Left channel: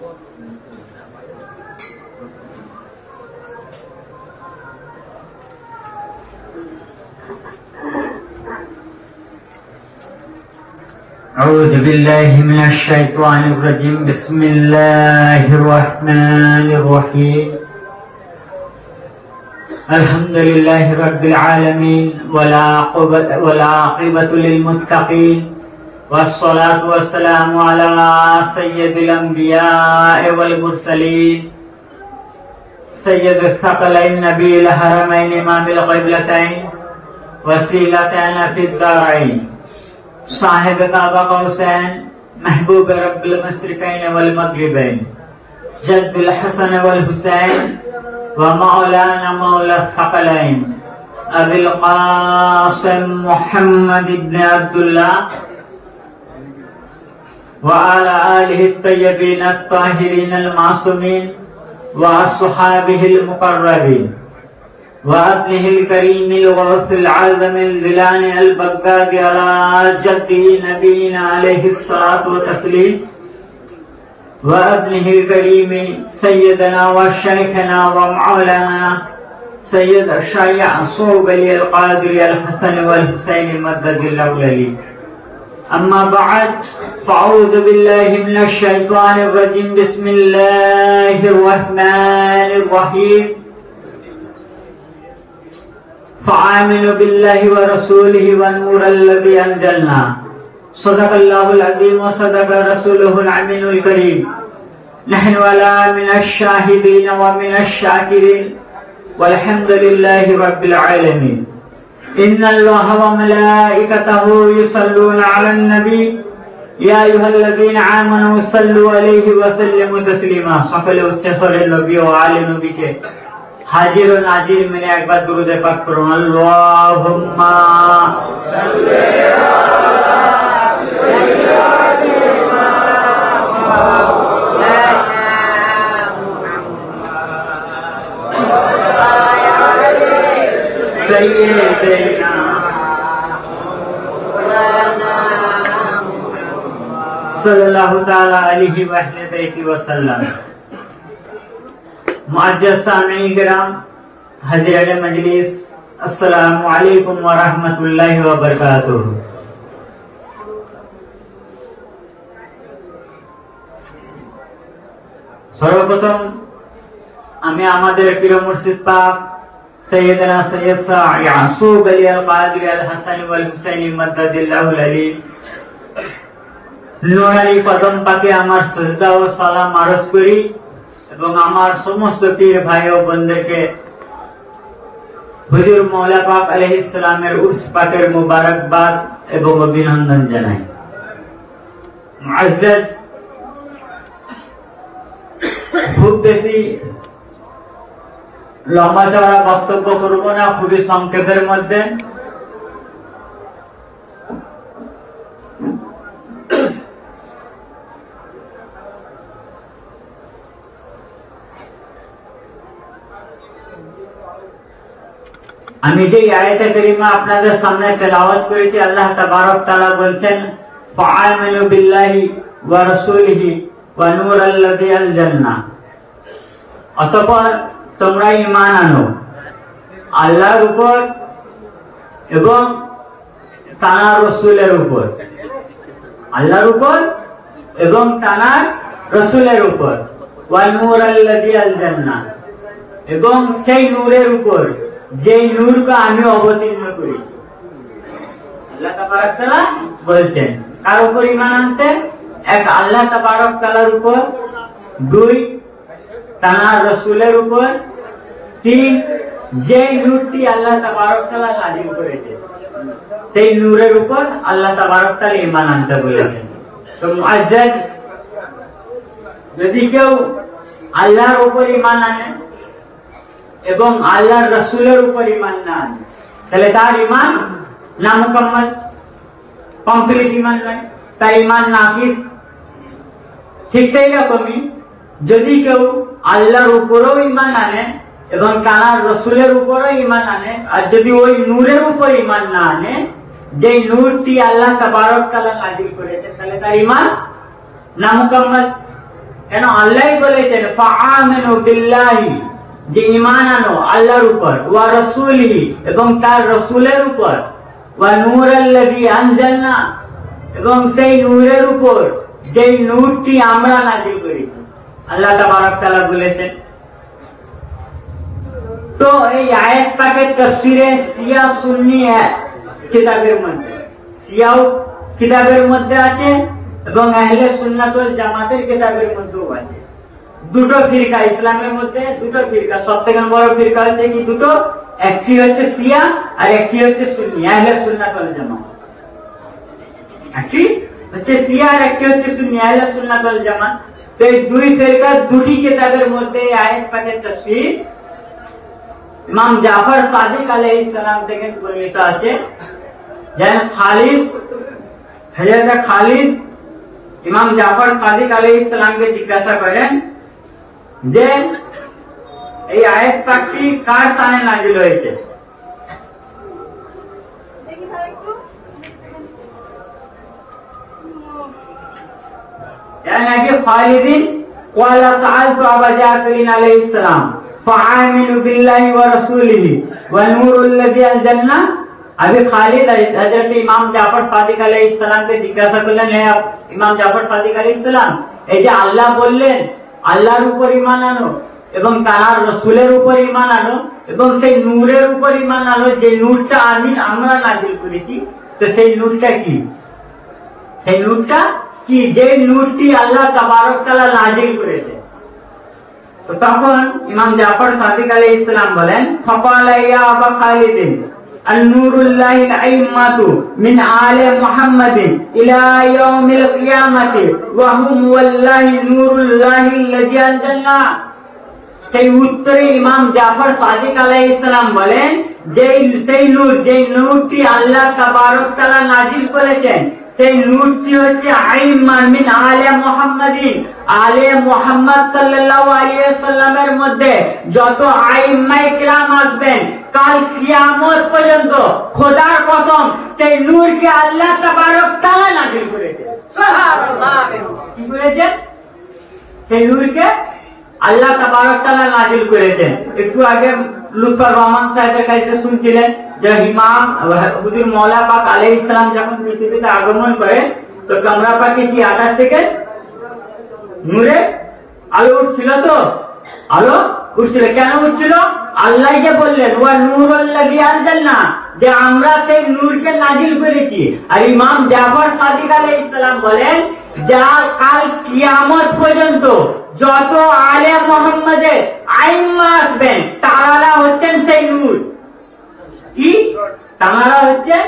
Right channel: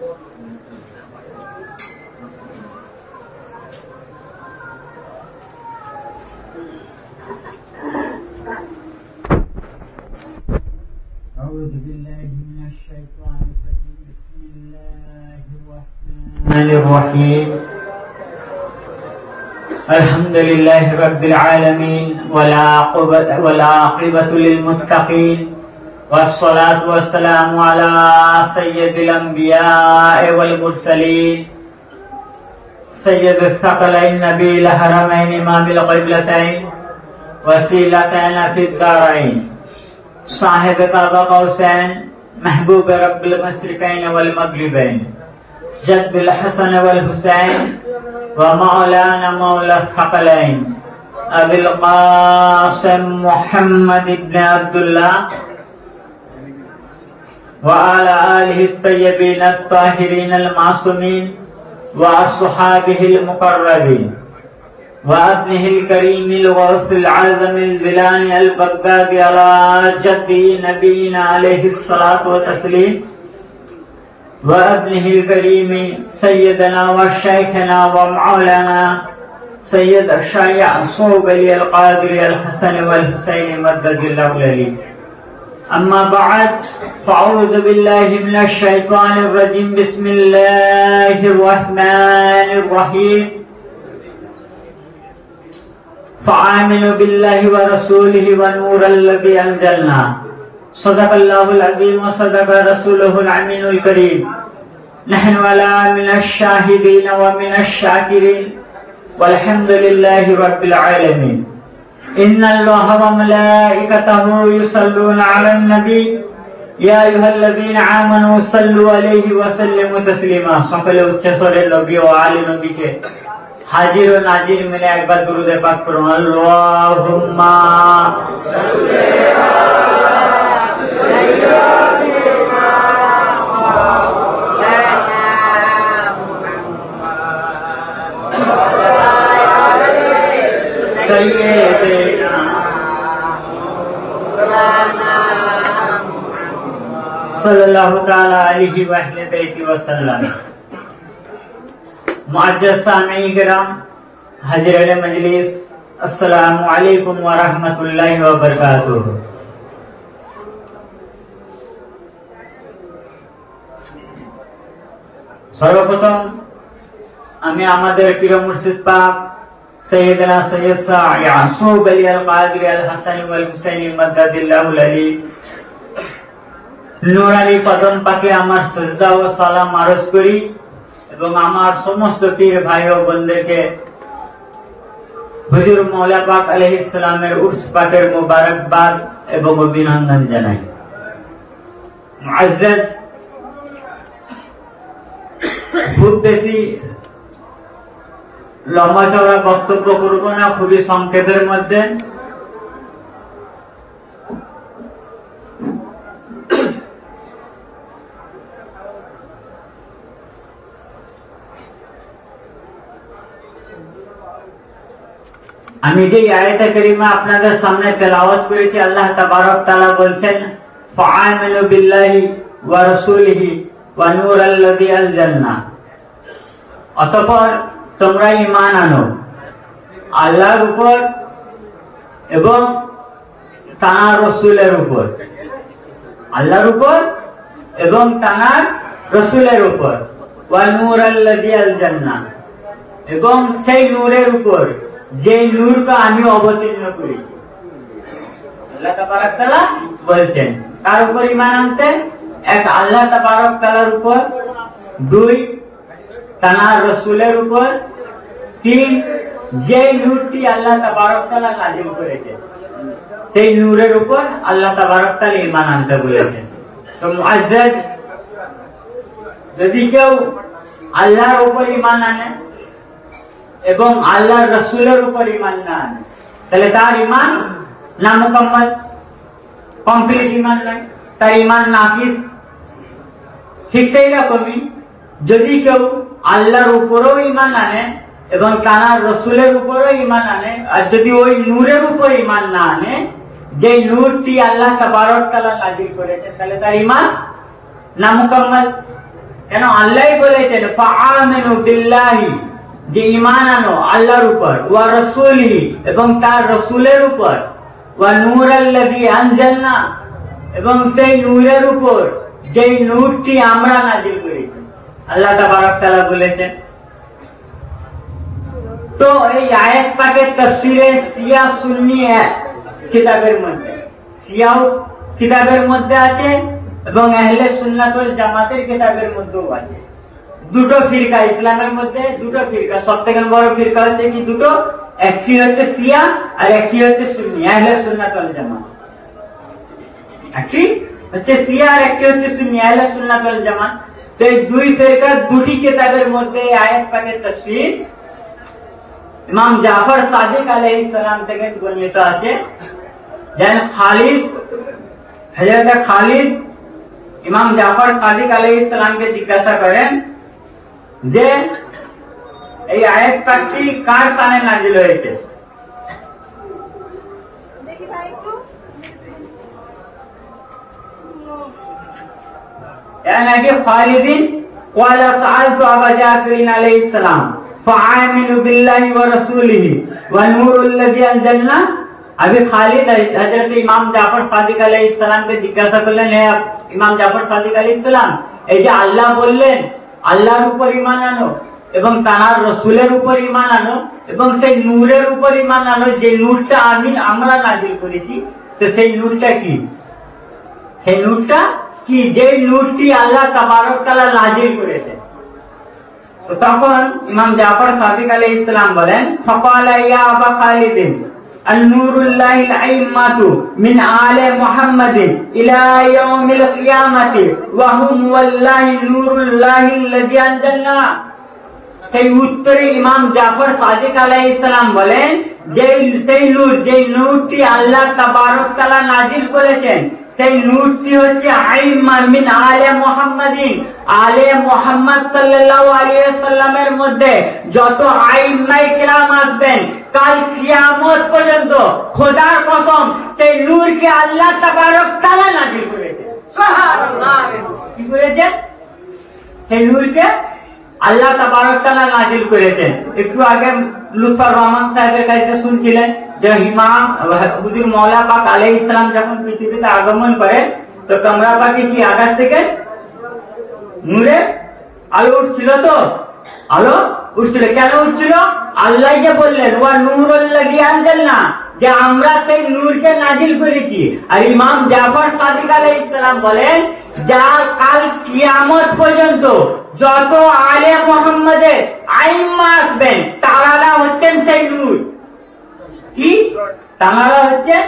أعوذ بالله من الشيطان الرجيم بسم الله الرحمن الرحيم الحمد لله رب العالمين والعاقبة للمتقين والصلاة والسلام على سيد الأنبياء والمرسلين سيد الثقلين نبي الحرمين إمام القبلتين وسيلتنا في الدارين صاحب قاب قوسين محبوب رب المشرقين والمغربين جد الحسن والحسين ومولانا مولى الثقلين أبي القاسم محمد بن عبد الله وعلى آله الطيبين الطاهرين المعصومين وأصحابه المقربين وابنه الكريم الغوث العظم الذلان البغدادي على جده نبينا عليه الصلاة والتسليم وابنه الكريم سيدنا وشيخنا ومولانا سيد الشيخ صوب علي القادري الحسن والحسين مدد الله لي. أما بعد فأعوذ بالله من الشيطان الرجيم بسم الله الرحمن الرحيم فآمنوا بالله ورسوله والنور الذي أنزلنا صدق الله العظيم وصدق رسوله الأمين الكريم نحن ولا من الشاهدين ومن الشاكرين والحمد لله رب العالمين. إن الله وملائكته يصلون على النبي يا أيها الذين آمنوا صلوا عليه وسلموا تسليما. সকলে উচ্চস্বরে নবী ও আলী নবীকে হাজির ও নাজির মিলে একবার দুরূদে পাক করুন। আল্লাহুম্মা সাল্লি আলা সাইয়্যিদিনা মুহাম্মাদ সাইয়্যিদিনা সাল্লাল্লাহু তাআলা আলাইহি ওয়া আলিহি ওয়া সাল্লাম। मुअज्जज़ सामीईन किराम, हाज़िरान मजलिस, अस्सलामु अलैकुम व रहमतुल्लाहि व बरकातुहू। सर्वप्रथम আমি আমাদের প্রিয় মুর্শিদ পাক সৈয়দনা সৈয়দ শাহ ইয়াসুব আলী আল কাদরি আল হাসান ওয়াল হুসাইনি মাদ্দাদিল্লাহু আলী নূরানী কদম পাকে আমার সিজদা ও সালাম আরজ করি এবং আমার সমস্ত প্রিয় ভাই ও বোনদেরকে হুজুর মওলা পাক আলাইহিস সালামের উরস পাকের মোবারকবাদ এবং অভিনন্দন জানাই। মুআজ্জাজ, খুব বেশি লম্বা চওড়া বক্তব্য করব না, খুবই সংক্ষেপের মধ্যে। আমি যে আয়াতে কারিমা আপনাদের সামনে তেলাওয়াত করেছি, আল্লাহ তাবারক তাআলা বলছেন ফাআমিনু বিল্লাহি ওয়া রাসূলিহি ওয়া নূরাল্লাযী আনজালনা, অতঃপর তোমরা ঈমান আনো আল্লাহর উপর এবং তার রাসূলের উপর, আল্লাহর উপর এবং তার রাসূলের উপর, ওয়া নূরাল্লাযী আনজালনা, এবং সেই নূরের উপর যে নূরকে আমি অবতীর্ণ করেছি। আল্লাহ তাবারক তাআলা বলছেন কার উপর ঈমান আনতে? এক, আল্লাহ তাবারক তাআলার উপর; দুই, তার রাসূলের উপর; তিন, যে নূরটি আল্লাহ তাবারক তাআলা নাযিল করেছে সেই নূরের উপর আল্লাহ তাবারক তাআলা ঈমান আনতে বলেছেন। তো মুআজ্জাজ, যদি কেউ আল্লাহর উপর ঈমান আনে এবং আল্লাহর রাসূলের উপর ঈমান না আনে, তাহলে তার ঈমান না মুকাম্মাল, কমপ্লিট ঈমান নাই, তার ঈমান নাকিস। ঠিক সেই রকমই যদি কেউ আল্লাহর উপরও ঈমান আনে এবং তার রাসূলের উপরও ঈমান আনে, আর যদি ওই নূরের উপর ঈমান না আনে যে নূরটি আল্লাহ তাবারক তাআলা নাযিল করেছেন, তাহলে তার ঈমান না মুকাম্মাল। কেন আল্লাহই বলেছেন ফাআমিনু বিল্লাহি, যে ঈমান আনো আল্লাহর উপর, ওয়া রাসূলিহি, এবং তার রাসূলের উপর, ওয়া নূরাল্লাযী আনজালনা, এবং সেই নূরের উপর যে নূরটি আমরা নাযিল করেছি। আল্লাহ তাবারক তাআলা বলেছেন। তো এই আয়াত পাকের তাফসীরে শিয়া সুন্নি কিতাবের মধ্যে, শিয়া কিতাবের মধ্যে আছে এবং আহলে সুন্নাত ওয়াল জামাতের কিতাবের মধ্যেও আছে। দুটো ফিরকা ইসলামের মধ্যে, দুটো ফিরকা, সবথেকে বড় ফিরকা হচ্ছে কি দুটো, একটি হচ্ছে শিয়া আর একটি হচ্ছে সুন্নি, আহলে সুন্নাত ওয়াল জামাত। একটি হচ্ছে শিয়া আর একটি হচ্ছে সুন্নি, আহলে সুন্নাত ওয়াল জামাত। তো এই দুই ফিরকা দুটি কিতাবের মধ্যে আয়াত পাকের তাফসীর ইমাম জাফর সাদিক আলাইহিস সালাম থেকে বর্ণিত আছে। যেন খালিদ, হযরত খালিদ ইমাম জাফর সাদিক আলাইহিস সালামকে জিজ্ঞাসা করেন যে এই আয়াত পাকটি কার শানে নাযিল হয়েছে? নাকি খালিদিন ক্বালা সাআলতু আবা জাফরিন আলাইহিস সালাম ফাআমিনু বিল্লাহি ওয়া রাসূলিহি ওয়া নূরুল্লাযী আনজালনা। আবি খালিদ হযরত ইমাম জাফর সাদিক আলাইহিস সালামকে জিজ্ঞাসা করলেন, হে ইমাম জাফর সাদিক আলাইহিস সালাম, এই যে আল্লাহ বললেন আল্লাহর উপর ঈমান আনো এবং তার রাসূলের উপর ঈমান আনো এবং সেই নূরের উপর ঈমান আনো, যে নূরটা আমরা নাযিল করেছি, তো সেই নূরটা কি? সেই নূরটা কি? যে নূরটি আল্লাহ তাবারক তাআলা নাযিল করেছে। তো তখন ইমাম জাফর সাদিক আলাইহিস সালাম বলেন, ফাকালা ইয়া আবা খালিদিন আন-নূরুল্লাহিল আইম্মাতু মিন আলি মুহাম্মাদিন ইলা ইয়াউমিল কিয়ামাতি ওয়া হুম ওয়াল্লাহি নূরুল্লাহিল্লাযী আনজালনা। সেই উত্তরে ইমাম জাফর সাদিক আলাইহিস সালাম বলেন, সেই নূর, যে নূরটি আল্লাহ তাবারক তাআলা নাযিল করেছেন, সেই নূরটি হচ্ছে আইম্মা মিন আলে মুহাম্মাদিন, আলে মুহাম্মদ সাল্লাল্লাহু আলাইহি ওয়াসাল্লামের মধ্যে যত আইম্মায়ে কিরাম আসবেন কাল কিয়ামত পর্যন্ত, খোদার কসম সেই নূরকে আল্লাহ তাবারক তাআলা নাযিল করেছেন। সুবহানাল্লাহ। কি করেছেন? সেই নূরকে আল্লাহ তাবারক তাআলা নাযিল করেছেন। একটু আগে লুৎফর রহমান সাহেবের কাছে শুনছিলেন যে ইমাম হুজুর মওলা পাক আলাইহিস সালাম যখন পৃথিবীতে আগমন করেন, তো কামরা পাকে কি আকাশ থেকে নূরে আলো উঠছিল? তো আলো উঠছিল। কেন উঠছিল? আল্লাহ যে বললেন ওয়া নূরুল্লাযী আনজালনা, যে আমরা সেই নূরকে নাযিল করেছি। আর ইমাম জাফর সাদিক আলাইহিস সালাম বলেন, যা কাল কিয়ামত পর্যন্ত যত আলে মুহাম্মাদের আইম্মা আসবেন তারা হচ্ছেন সেই নূর। কি? তারা হচ্ছেন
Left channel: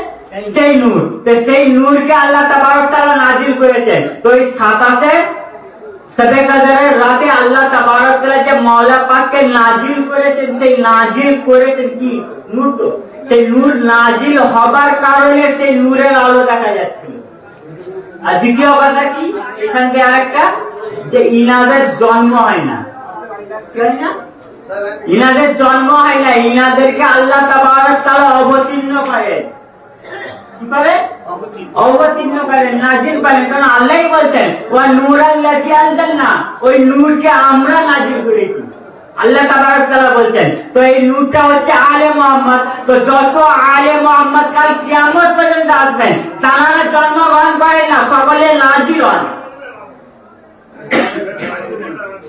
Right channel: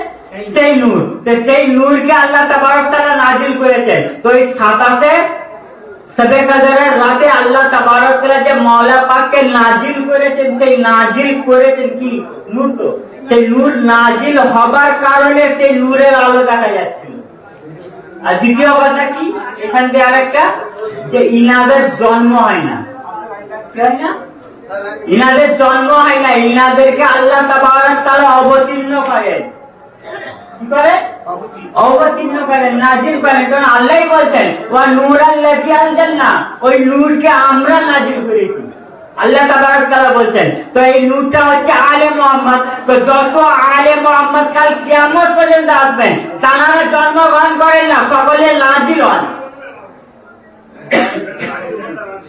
সেই নূর। তো সেই নূরকে আল্লাহ তাবারক তাআলা নাযিল করেছেন। তো এই 27 শবে কদরের রাতে আল্লাহ তাবারক তাআলা যে মওলা পাককে নাযিল করেছেন, সেই নাযিল করেছেন কি? নূর। তো সেই নূর নাযিল হবার কারণে সেই নূরের আলো দেখা যাচ্ছিল। আর দ্বিতীয় কথা কি, এখান থেকে আরেকটা, যে ইনাদের জন্ম হয় না। কি হয় না? ইনাদের জন্ম হয় না, ইনাদেরকে আল্লাহ তাবারক তাআলা অবতীর্ণ করেন। কি করে? অবতীর্ণ করেন, নাযিল করেন। কারণ আল্লাহই বলছেন ওয়া নূরাল্লাযী আনজালনা, ওই নূরকে আমরা নাযিল করেছি। আল্লাহ তাবারক তাআলা বলছেন। তো এই নূরটা হচ্ছে আলে মুহাম্মদ। তো যত আলে মুহাম্মদ কাল কিয়ামত পর্যন্ত আসবেন তারা জন্মগ্রহণ করেন না, সকলে নাযিল হন।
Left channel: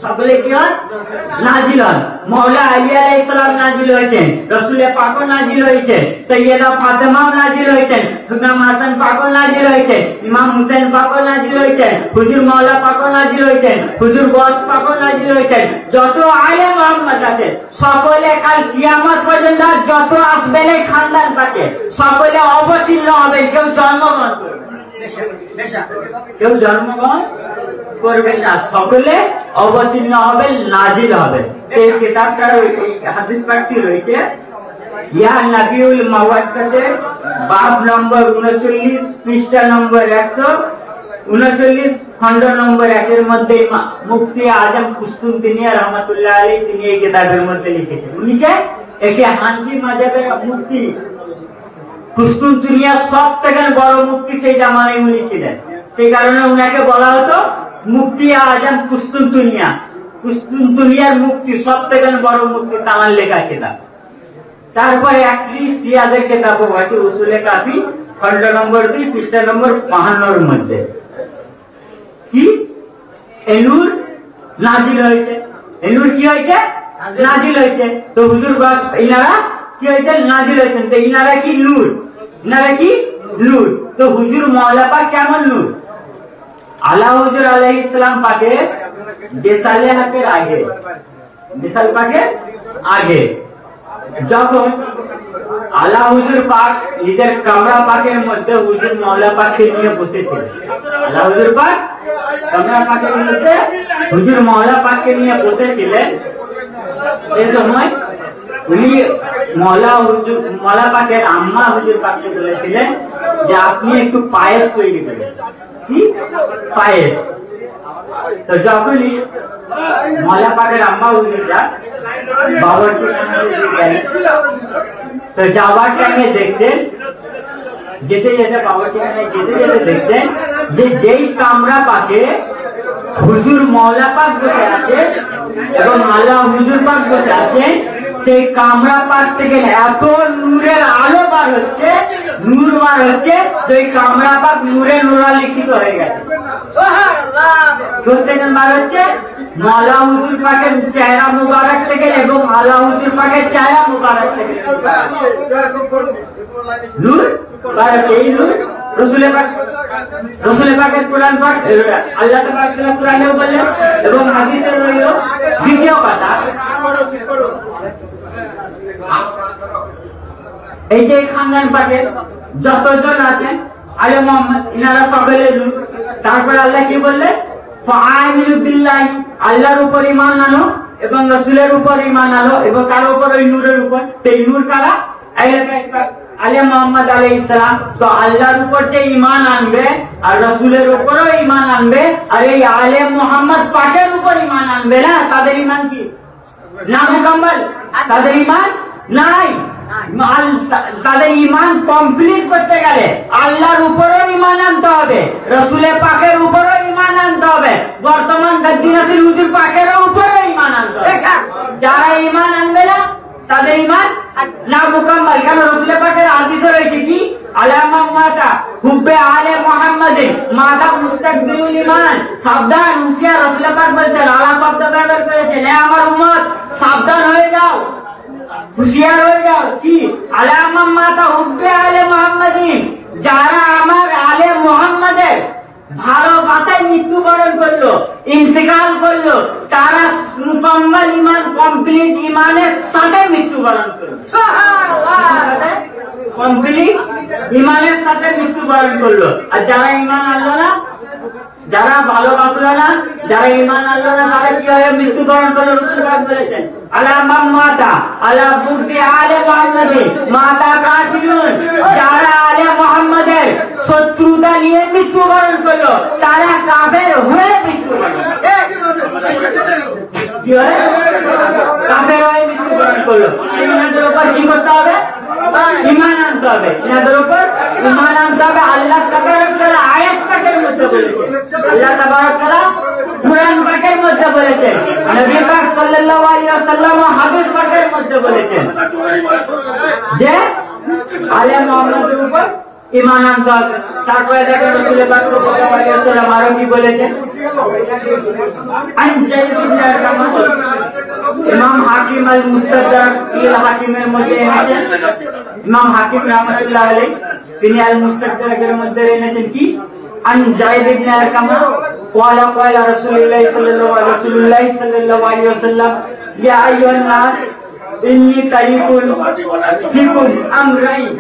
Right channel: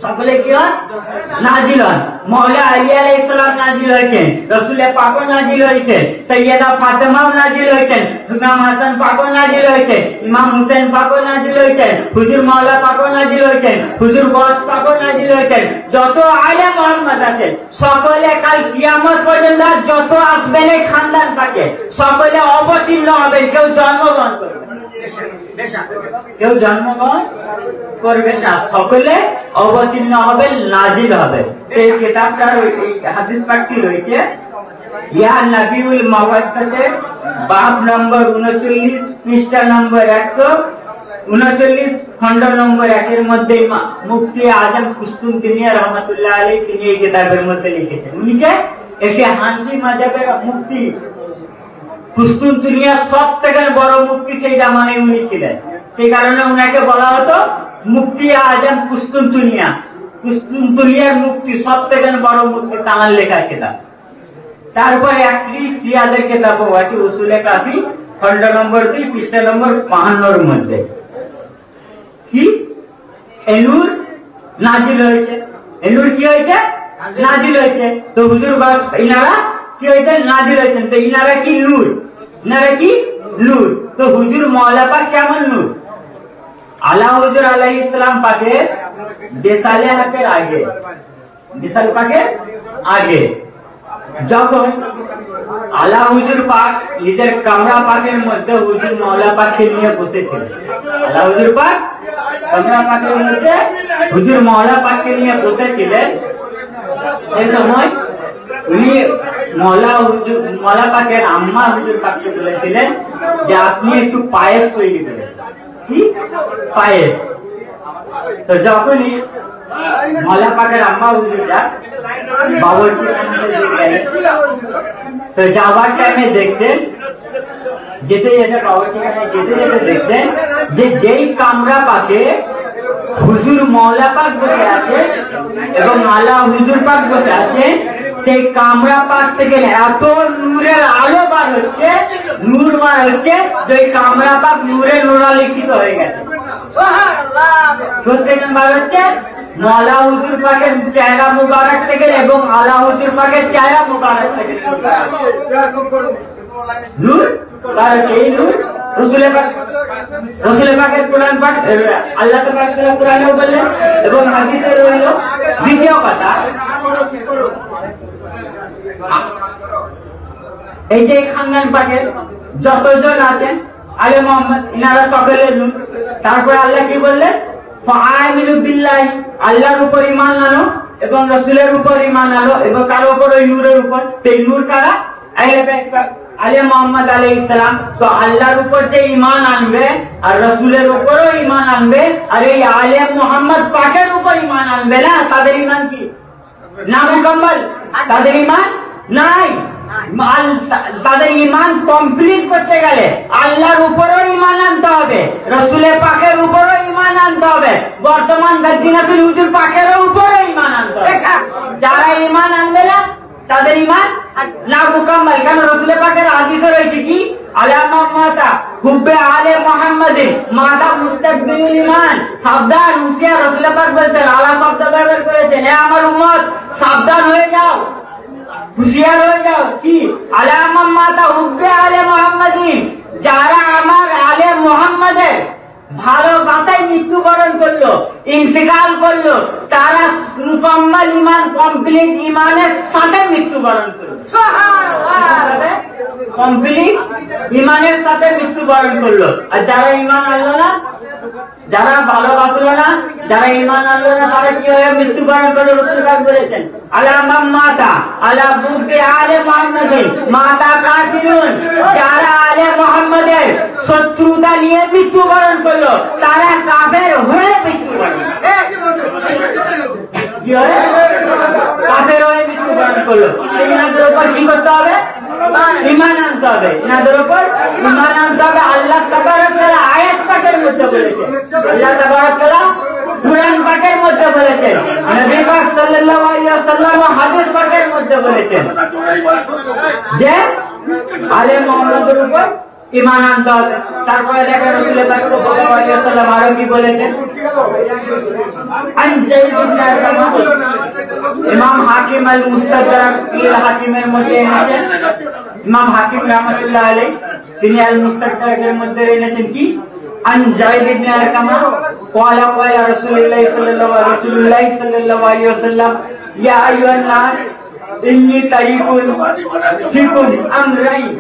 সকলে কি হন? নাযিল হন। মওলা আলী আলাইহিস সালাম নাযিল হয়েছেন, রাসূল পাক নাযিল হয়েছে, সাইয়্যিদা ফাতেমা নাযিল হয়েছেন, ইমাম হাসান পাক নাযিল হয়েছে, ইমাম হুসাইন পাক নাযিল হয়েছে, হুজুর মাওলা পাক নাযিল হয়েছেন, হুজুর বস পাক নাযিল হয়েছেন। যত আলে মুহাম্মদ আছে সকলে কাল কিয়ামত পর্যন্ত যত আসবেন এই খানদান পাকে সকলে অবতীর্ণ হবেন। কেউ জন্মগ্রহণ করবে, কেউ জন্মগ্রহণ করবে না, সকলে অবতীর্ণ হবে, নাযিল হবে। এই কিতাবটা, এই হাদিস পাঠটি রয়েছে ইয়া নবিউল মাওয়াজ্জাতের বাব নম্বর 39 পৃষ্ঠা নম্বর 139 খণ্ড নম্বর 1 এর মধ্যে মুফতি আজম কুস্তুনতিনিয়া রহমাতুল্লাহ আলাইহি তিনি এই কিতাবের মধ্যে লিখেছেন। উনিকে একে হানফি মাযহাবের মুফতি কুস্তুনতিনিয়া সবথেকে বড় মুফতি সেই জামানায় উনি ছিলেন। সেই কারণে উনাকে বলা হতো মুক্তি আজম কুস্তুনতুনিয়ার মুক্তি সবথেকে বড় মুক্তি তানার লেখা কিতাব। তারপর একটি সিয়াদের কিতাব আছে উসুলে কাফি খন্ড নম্বর 2 পৃষ্ঠা নম্বর 55 মধ্যে কি এনুর নাজিল হয়েছে। এনুর কি হয়েছে? নাজিল হয়েছে। তো হুজুর বাস ইনারা কি হয়েছে? নাজিল হয়েছেন। তো ইনারা কি নূর, ইনারা কি নূর। তো হুজুর মওলা পাক কেমন নূর? আলা হুজুর আলাইহিস সালাম পাকে দেশালে হাতের আগে, দেশাল পাকের আগে যখন আলা হুজুর পাক নিজের কামরা পাকের মধ্যে হুজুর মওলা পাককে নিয়ে বসেছিলেন, আলা হুজুর পাক কামরা পাকের মধ্যে হুজুর মওলা পাককে নিয়ে বসেছিলেন, সেই সময় উনি মওলা পাকের আম্মা হুজুর পাককে বলেছিলেন যে আপনি একটু পায়েস তৈরি করেন। কি পায়েস? তো যখনই মওলা পাকের আম্মা হুজুরটা বাবুর্চি তো যাওয়ার টাইমে দেখছেন, যেতে যেতে বাবুর্চি যেতে যেতে দেখছেন যে যেই কামরা পাকে হুজুর মওলা পাক বসে আছে এবং আলা হুজুর পাক বসে আছে, সেই কামরা পাক থেকে এত নূরের আলো বার হচ্ছে, নূর বার হচ্ছে, যে কামরা পাক নূরে নূরালিখিত হয়ে গেছে। প্রত্যেকজন বার হচ্ছে মওলা হুজুর পাকের চেহারা মুবারক থেকে এবং আলা হুজুর পাকের চেহারা মুবারক থেকে নূর বার হচ্ছে। এই নূর রসুলের পাকের কোরআন পাঠ আল্লাহ তাআলা কোরআনেও বললেন এবং হাদিসে রইল। দ্বিতীয় কথা, এই যে খানদান পাকের যতজন আছেন আলে মোহাম্মদ ইনারা সকলে নূর। তারপরে আল্লাহ কি বললেন? ফাআমিনু বিল্লাহি, আল্লাহর উপর ঈমান আনো এবং রাসূলের উপর ঈমান আনো এবং কার উপর? ওই নূরের উপর। এই নূর কারা? আলে মোহাম্মদ আলাইহিস সালাম। তো আল্লাহর উপর যে ঈমান আনবে আর রাসূলের উপরও ঈমান আনবে আর এই আলে মোহাম্মদ পাকের উপর ঈমান আনবে না, তাদের ঈমান কি না মুকাম্মাল? তাদের ঈমান নাই। তাদের ঈমান কমপ্লিট করতে গেলে আল্লাহর উপরও ঈমান আনতে হবে, রাসূলের পাকের উপরও ঈমান আনতে হবে, বর্তমান গাজীনাতুল হুজুর পাকেরও উপরও ঈমান আনতে হবে। যারা ঈমান আনবে না তাদের ঈমান না মুকাম্মাল। কেন? রাসূলের পাকের হাদিসে রয়েছে কি আলামা মাতা হুব্বে আলে মুহাম্মাদিন মাতা মুস্তাকবিলুল ঈমান। সাবধান, হুঁশিয়ার। রাসূলের পাক বলছেন, আল্লাহ শব্দ ব্যবহার করেছেন, হে আমার উম্মত সাবধান হয়ে যাও, হুঁশিয়ার হয়ে যাও। কি আলামা মাতা হুব্বে আলে মুহাম্মাদিন, যারা আমার আলে মুহাম্মাদের ভালোবাসায় মৃত্যুবরণ করলো, ইন্তেকাল করলো, তারা মুকাম্মাল ঈমান, কমপ্লিট ঈমানের সাথে মৃত্যুবরণ করলো। সুবহানাল্লাহ, কমপ্লিট ঈমানের সাথে মৃত্যুবরণ করলো। আর যারা ঈমান আনলো না, যারা ভালোবাসলো না, যারা ঈমান আনলো না, তারা কি হয়ে মৃত্যুবরণ করলো? রাসূল পাক বলেছেন আলামা মাতা আলা বুগদি আলে মুহাম্মাদিন মাতা কাফিরুন, যারা আলে মুহাম্মাদের শত্রুতা নিয়ে মৃত্যুবরণ করলো তারা কাফের হয়ে মৃত্যুবরণ কাফের হয়ে মৃত্যুবরণ করলো। এনাদের উপর কি করতে হবে? ঈমান আনতে হবে। এনাদের উপর ঈমান আনতে হবে। আল্লাহ তাবারক তাআলা আয়াত পাকের মধ্যে বলেছেন, আল্লাহ তাবারক তাআলা কুরআন পাকের মধ্যে বলেছেন, নবী পাক সাল্লাল্লাহু আলাইহি ওয়াসাল্লাম হাদিস পাকের মধ্যে বলেছেন যে আলে মুহাম্মাদের উপর ঈমান আনতে হবে। তারপরে দেখেন রাসূল পাক সাল্লাল্লাহু আলাইহি ওয়াসাল্লাম আরো কি বলেছেন? আন যায়েদ ইবনে আরকাম, ইমাম হাকিম আল মুস্তাদরাক এর হাকিমের মধ্যে এনেছেন, ইমাম হাকিম রাহমাতুল্লাহ আলাইহি তিনি আল মুস্তাদরাকের মধ্যে এনেছেন কি আন যায়েদ ইবনে আরকাম ক্বালা ক্বালা রাসূলুল্লাহ সাল্লাল্লাহু আলাইহি ওয়াসাল্লাম ইয়া আইয়ুহান নাস ইন্নী তারিকুন ফিকুম আমরাইন,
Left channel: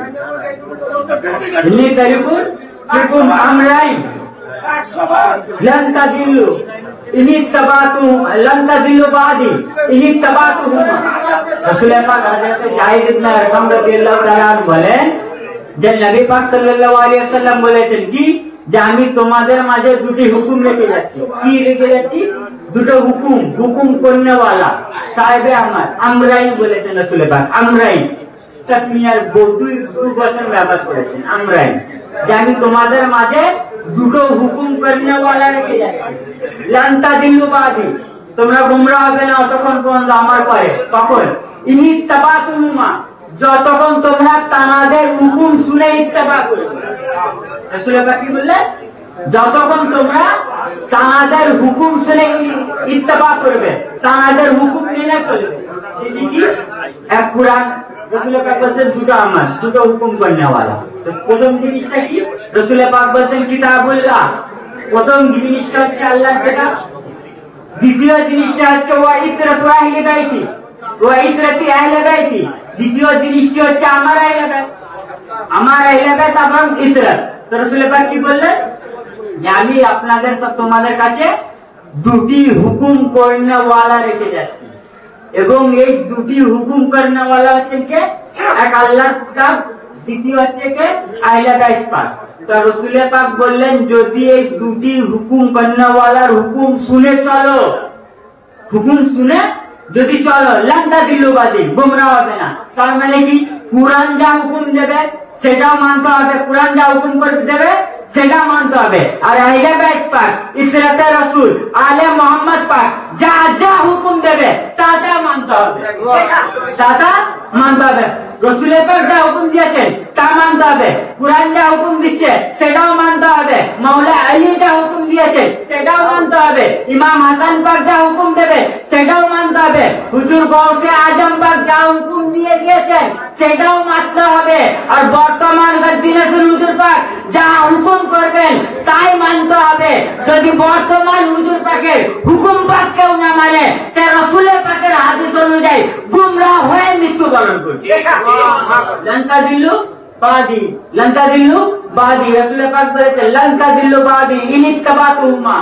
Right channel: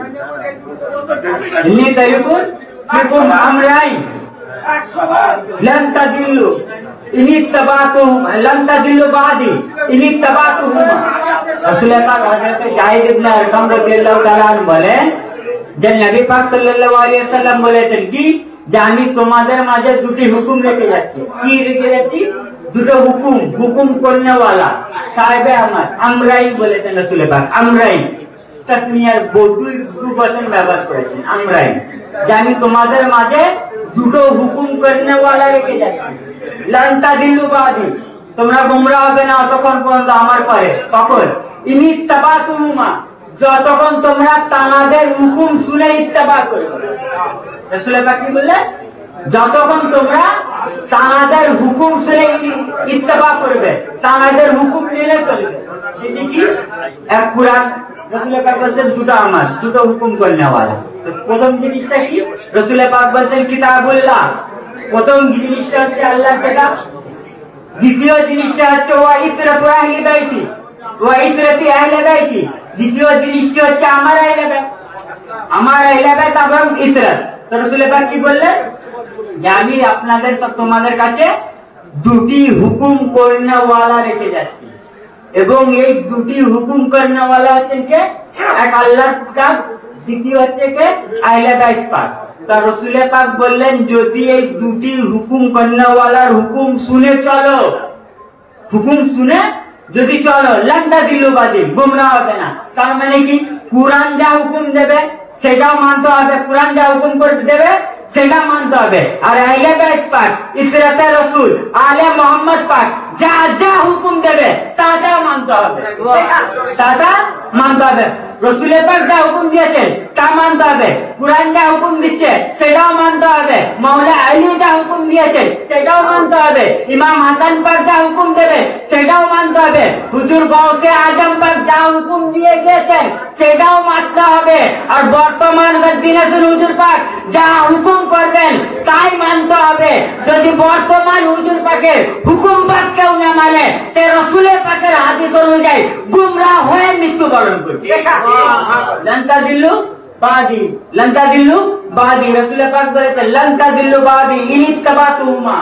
ইন্নী তারিকুন ফিকুম আমরাইন লান তাদিল্লু ইন ইত্তাবাতুহুম লান তাদিল্লু বাদি ইন ইত্তাবাতুহুমা। রাসূল পাক হযরত যায়েদ ইবনে আরকাম রাদিয়াল্লাহু তাআলা আনহু বলেন যে নবী পাক সাল্লাল্লাহু আলাইহি ওয়াসাল্লাম বলেছেন কি যে আমি তোমাদের মাঝে দুটি হুকুম রেখে যাচ্ছি। কি রেখে যাচ্ছি? দুটো হুকুম, হুকুম করনেওয়ালা সাহেবে আমার আমরাই বলেছেন রাসূল পাক। আমরাই তাসমিয়ার দুই বচন ব্যবহার করেছেন, আমরাই, যে আমি তোমাদের মাঝে দুটো হুকুম করনেওয়ালা রেখে যাচ্ছি। লান্তা দিল্লু বাদি, তোমরা গুমরা হবে না তখন পর্যন্ত আমার পরে। কখন? ইনি তাবাতুহুমা, যতক্ষণ তোমরা তানাদের হুকুম শুনে ইত্তেবা করবে। রাসূল পাক কি বললেন? যতক্ষণ তোমরা তানাদের হুকুম শুনে ইত্তেবা করবে, তানাদের হুকুম মেনে চলবে। কি এক কুরআন রাসূল পাক বলেছেন দুটো আমার, দুটো হুকুম করনে वाला। তো প্রথম জিনিসটা কি? রাসূল পাক বলেছেন কিতাবুল্লাহ, প্রথম জিনিসটা হচ্ছে আল্লাহর কিতাব। দ্বিতীয় জিনিসটা হচ্ছে ওয়া ইকরাতু আহলি বাইতি, ওয়া ইকরাতি আহলি বাইতি। দ্বিতীয় জিনিসটি হচ্ছে আমার আহলি বাইত, আমার আহলি বাইত এবং ইকরাত। তো রাসূল পাক কি বললেন? যে আমি আপনাদের সব তোমাদের কাছে দুটি হুকুম করনে वाला রেখে যাচ্ছি, এবং এই দুটি হুকুম করনে वाला হচ্ছে কে? এক আল্লাহর কিতাব, দ্বিতীয় হচ্ছে কে? আহলে বাইত পাক। তা রাসূল পাক বললেন যদি এই দুটি হুকুম করনে वालाর হুকুম শুনে চলো, হুকুম শুনে যদি চলো, লান্তা দিল্লু বাদি, গুমরা হবে না। তার মানে কি? কুরআন যা হুকুম দেবে সেটাও মানতে হবে, কুরআন যা হুকুম করে দেবে সেটা মানতে হবে। আর আহলে বাইত পাক, ইসরাতে রাসূল, আলে মোহাম্মদ পাক যা যা হুকুম দেবে তা তা মানতে হবে, তা তা মানতে হবে। রাসূল পাক যা হুকুম দিয়েছেন তা মানতে হবে, কুরআন যা হুকুম দিচ্ছে সেটাও মানতে হবে, মাওলা আলী যা হুকুম দিয়েছে সেটাও মানতে হবে, ইমাম হাসান পাক যা হুকুম দেবে সেটাও মানতে হবে, হুজুর গৌসে আজম পাক যা হুকুম দিয়ে গিয়েছেন সেটাও মানতে হবে। আর বর্তমান দিনে হুজুর পাক যা হুকুম করবেন তাই মানতে হবে। যদি বর্তমান হুজুর পাকের হুকুম পাক কেউ না মানে, সে রাসূলের পাকের হাদিস অনুযায়ী গুমরাহ হয়ে মৃত্যুবরণ করবে। লঙ্কা দিল্লু বাদি, লঙ্কা দিল্লু বাদি। রাসূল পাক বলেছেন লঙ্কা দিল্লু বাদি ইনিত্তাবাতুহুমা,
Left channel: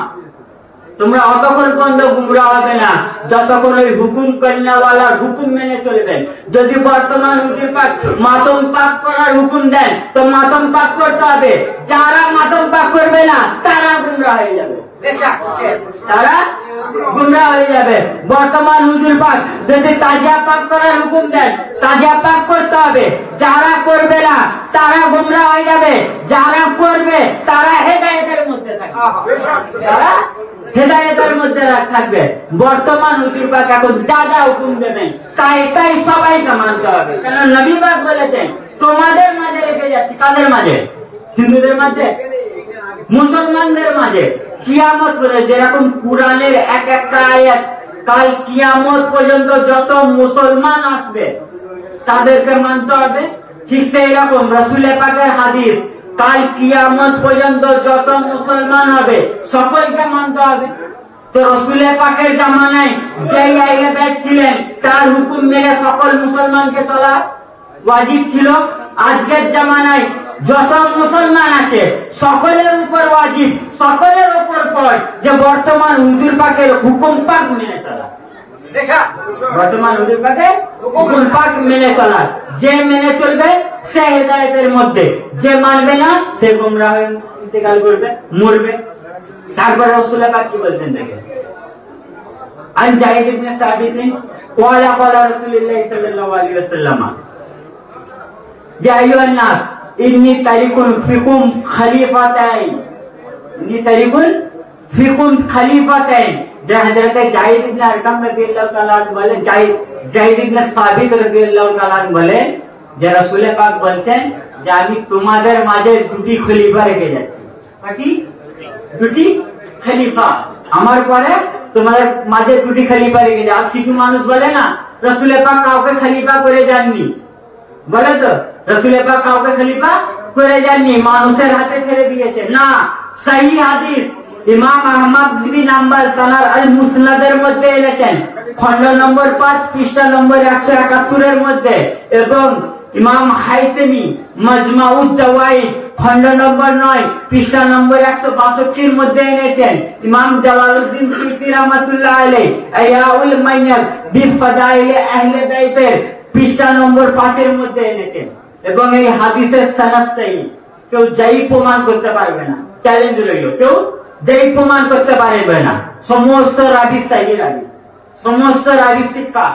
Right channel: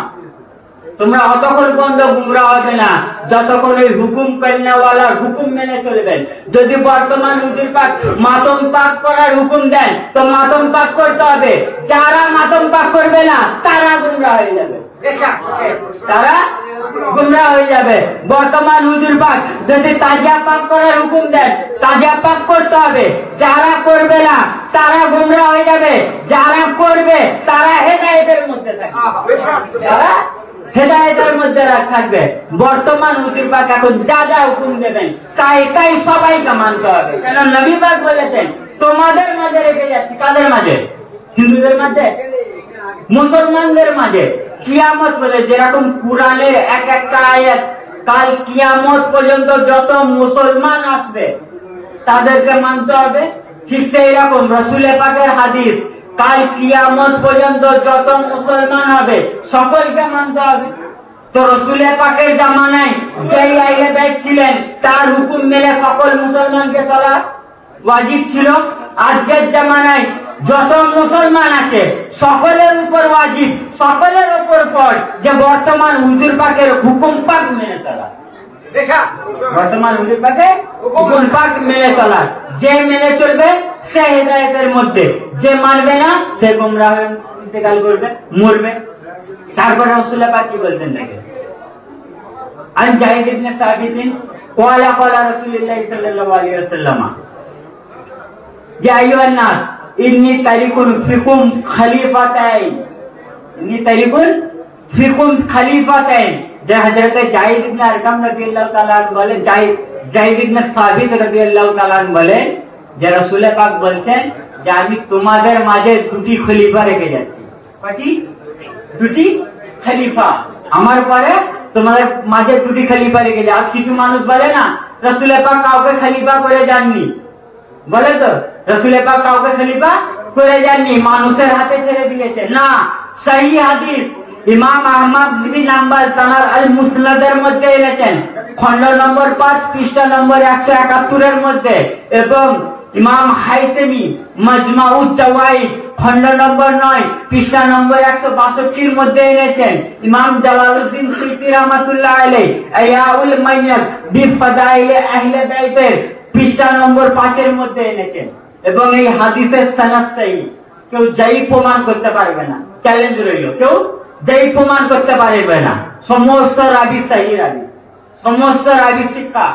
তোমরা অতক্ষণ পর্যন্ত গুমরাহ হবে না যতক্ষণ ওই হুকুম করনে वालाর হুকুম মেনে চলবেন। যদি বর্তমান হুজুর পাক মাতম পাক করার হুকুম দেন তো মাতম পাক করতে হবে, যারা মাতম পাক করবে না তারা গুমরাহ হয়ে যাবে, তারা গুমরাহ হয়ে যাবে। বর্তমান হুজুর পাক যদি তাজিয়া পাক করার হুকুম দেন তাজিয়া পাক করতে হবে, যারা করবে না তারা গুমরাহ হয়ে যাবে, যারা করবে তারা হেদায়েতের মধ্যে থাকবে, যারা হেদায়েতের মধ্যে থাকবে। বর্তমান হুজুর পাক এখন যা যা হুকুম দেবেন তাই সবাইকে মানতে হবে, কেন নবী পাক বলেছেন তোমাদের মাঝে রেখে যাচ্ছি। কাদের মাঝে? হিন্দুদের মাঝে, মুসলমানদের মাঝে। কিয়ামত বলে যেরকম কুরআনের এক একটা আয়াত কাল কিয়ামত পর্যন্ত যত মুসলমান আসবে তাদেরকে মানতে হবে, ঠিক সেই রকম রাসূল পাকের হাদিস কাল কিয়ামত পর্যন্ত যত মুসলমান হবে সকলকে মানতে হবে। তো রাসূল পাকের জামানায় যে আহলে বাইত ছিলেন তার হুকুম মেনে সকল মুসলমানকে চলা ওয়াজিব ছিল। আজকের জামানায় যত মুসলমান আছে সকলের উপর ওয়াজিব, সকলের উপর পড় যে বর্তমান হুজুর পাকের হুকুম পাক মেনে চলা, বর্তমান হুজুর পাকের হুকুম পাক মেনে চলা। যে মেনে চলবে সে হেদায়েতের মধ্যে, যে মানবে না সে গুমরাহ হয়ে ইন্তেকাল করবে, মরবে। তারপর রাসূল পাক কি বলছেন দেখেন, আন জাহিদ ইবনে সাবিত ক্বালা ক্বালা রাসূলুল্লাহ সাল্লাল্লাহু আলাইহি ওয়াসাল্লাম ইয়া আইয়ুহান নাস ইন্নী তারিকুন ফিকুম খলিফাতাইন, ইন্নী তারিকুন ফিকুম খলিফাতাইন। যে হযরত জাহিদ ইবনে আরকাম রাদিয়াল্লাহু তাআলা বলেন, জাহিদ ইবনে সাবিত রাদিয়াল্লাহু তাআলা বলেন যে রাসূল পাক বলছেন যে আমি তোমাদের মাঝে দুটি খলিফা রেখে যাচ্ছি। কি দুটি খলিফা? আমার পরে তোমাদের মাঝে দুটি খলিফা রেখে যাচ্ছি। আজ কিছু মানুষ বলে না রাসূল পাক কাউকে খলিফা করে যাননি, বলে তো রাসূল পাক কাউকে খলিফা করে যাননি, মানুষের হাতে ছেড়ে দিয়েছে। না, সহি হাদিস ইমাম আহমদ বিন হাম্বল তানার আল মুসনাদের মধ্যে এনেছেন, খন্ড নম্বর 5 পৃষ্ঠা নম্বর 171 এর মধ্যে, এবং ইমাম হাইসেমি মাজমাউজ জাওয়াইদ খন্ড নম্বর 9 পৃষ্ঠা নম্বর 162 এর মধ্যে এনেছেন। ইমাম জালালউদ্দিন সিয়ুতি রাহমাতুল্লাহ আলাইহি আইয়াউল মাইয়াত বিফাদাইল আহলে বাইতের পৃষ্ঠা নম্বর 5 এর মধ্যে এনেছেন। এবং এই হাদিসের সনদ সহিহ, কেউ যাই প্রমাণ করতে পারবে না, চ্যালেঞ্জ রইল, কেউ যাই প্রমাণ করতে পারবে না। সমস্ত রাবি সহিহ রাবি, সমস্ত রাবি শিক্ষা।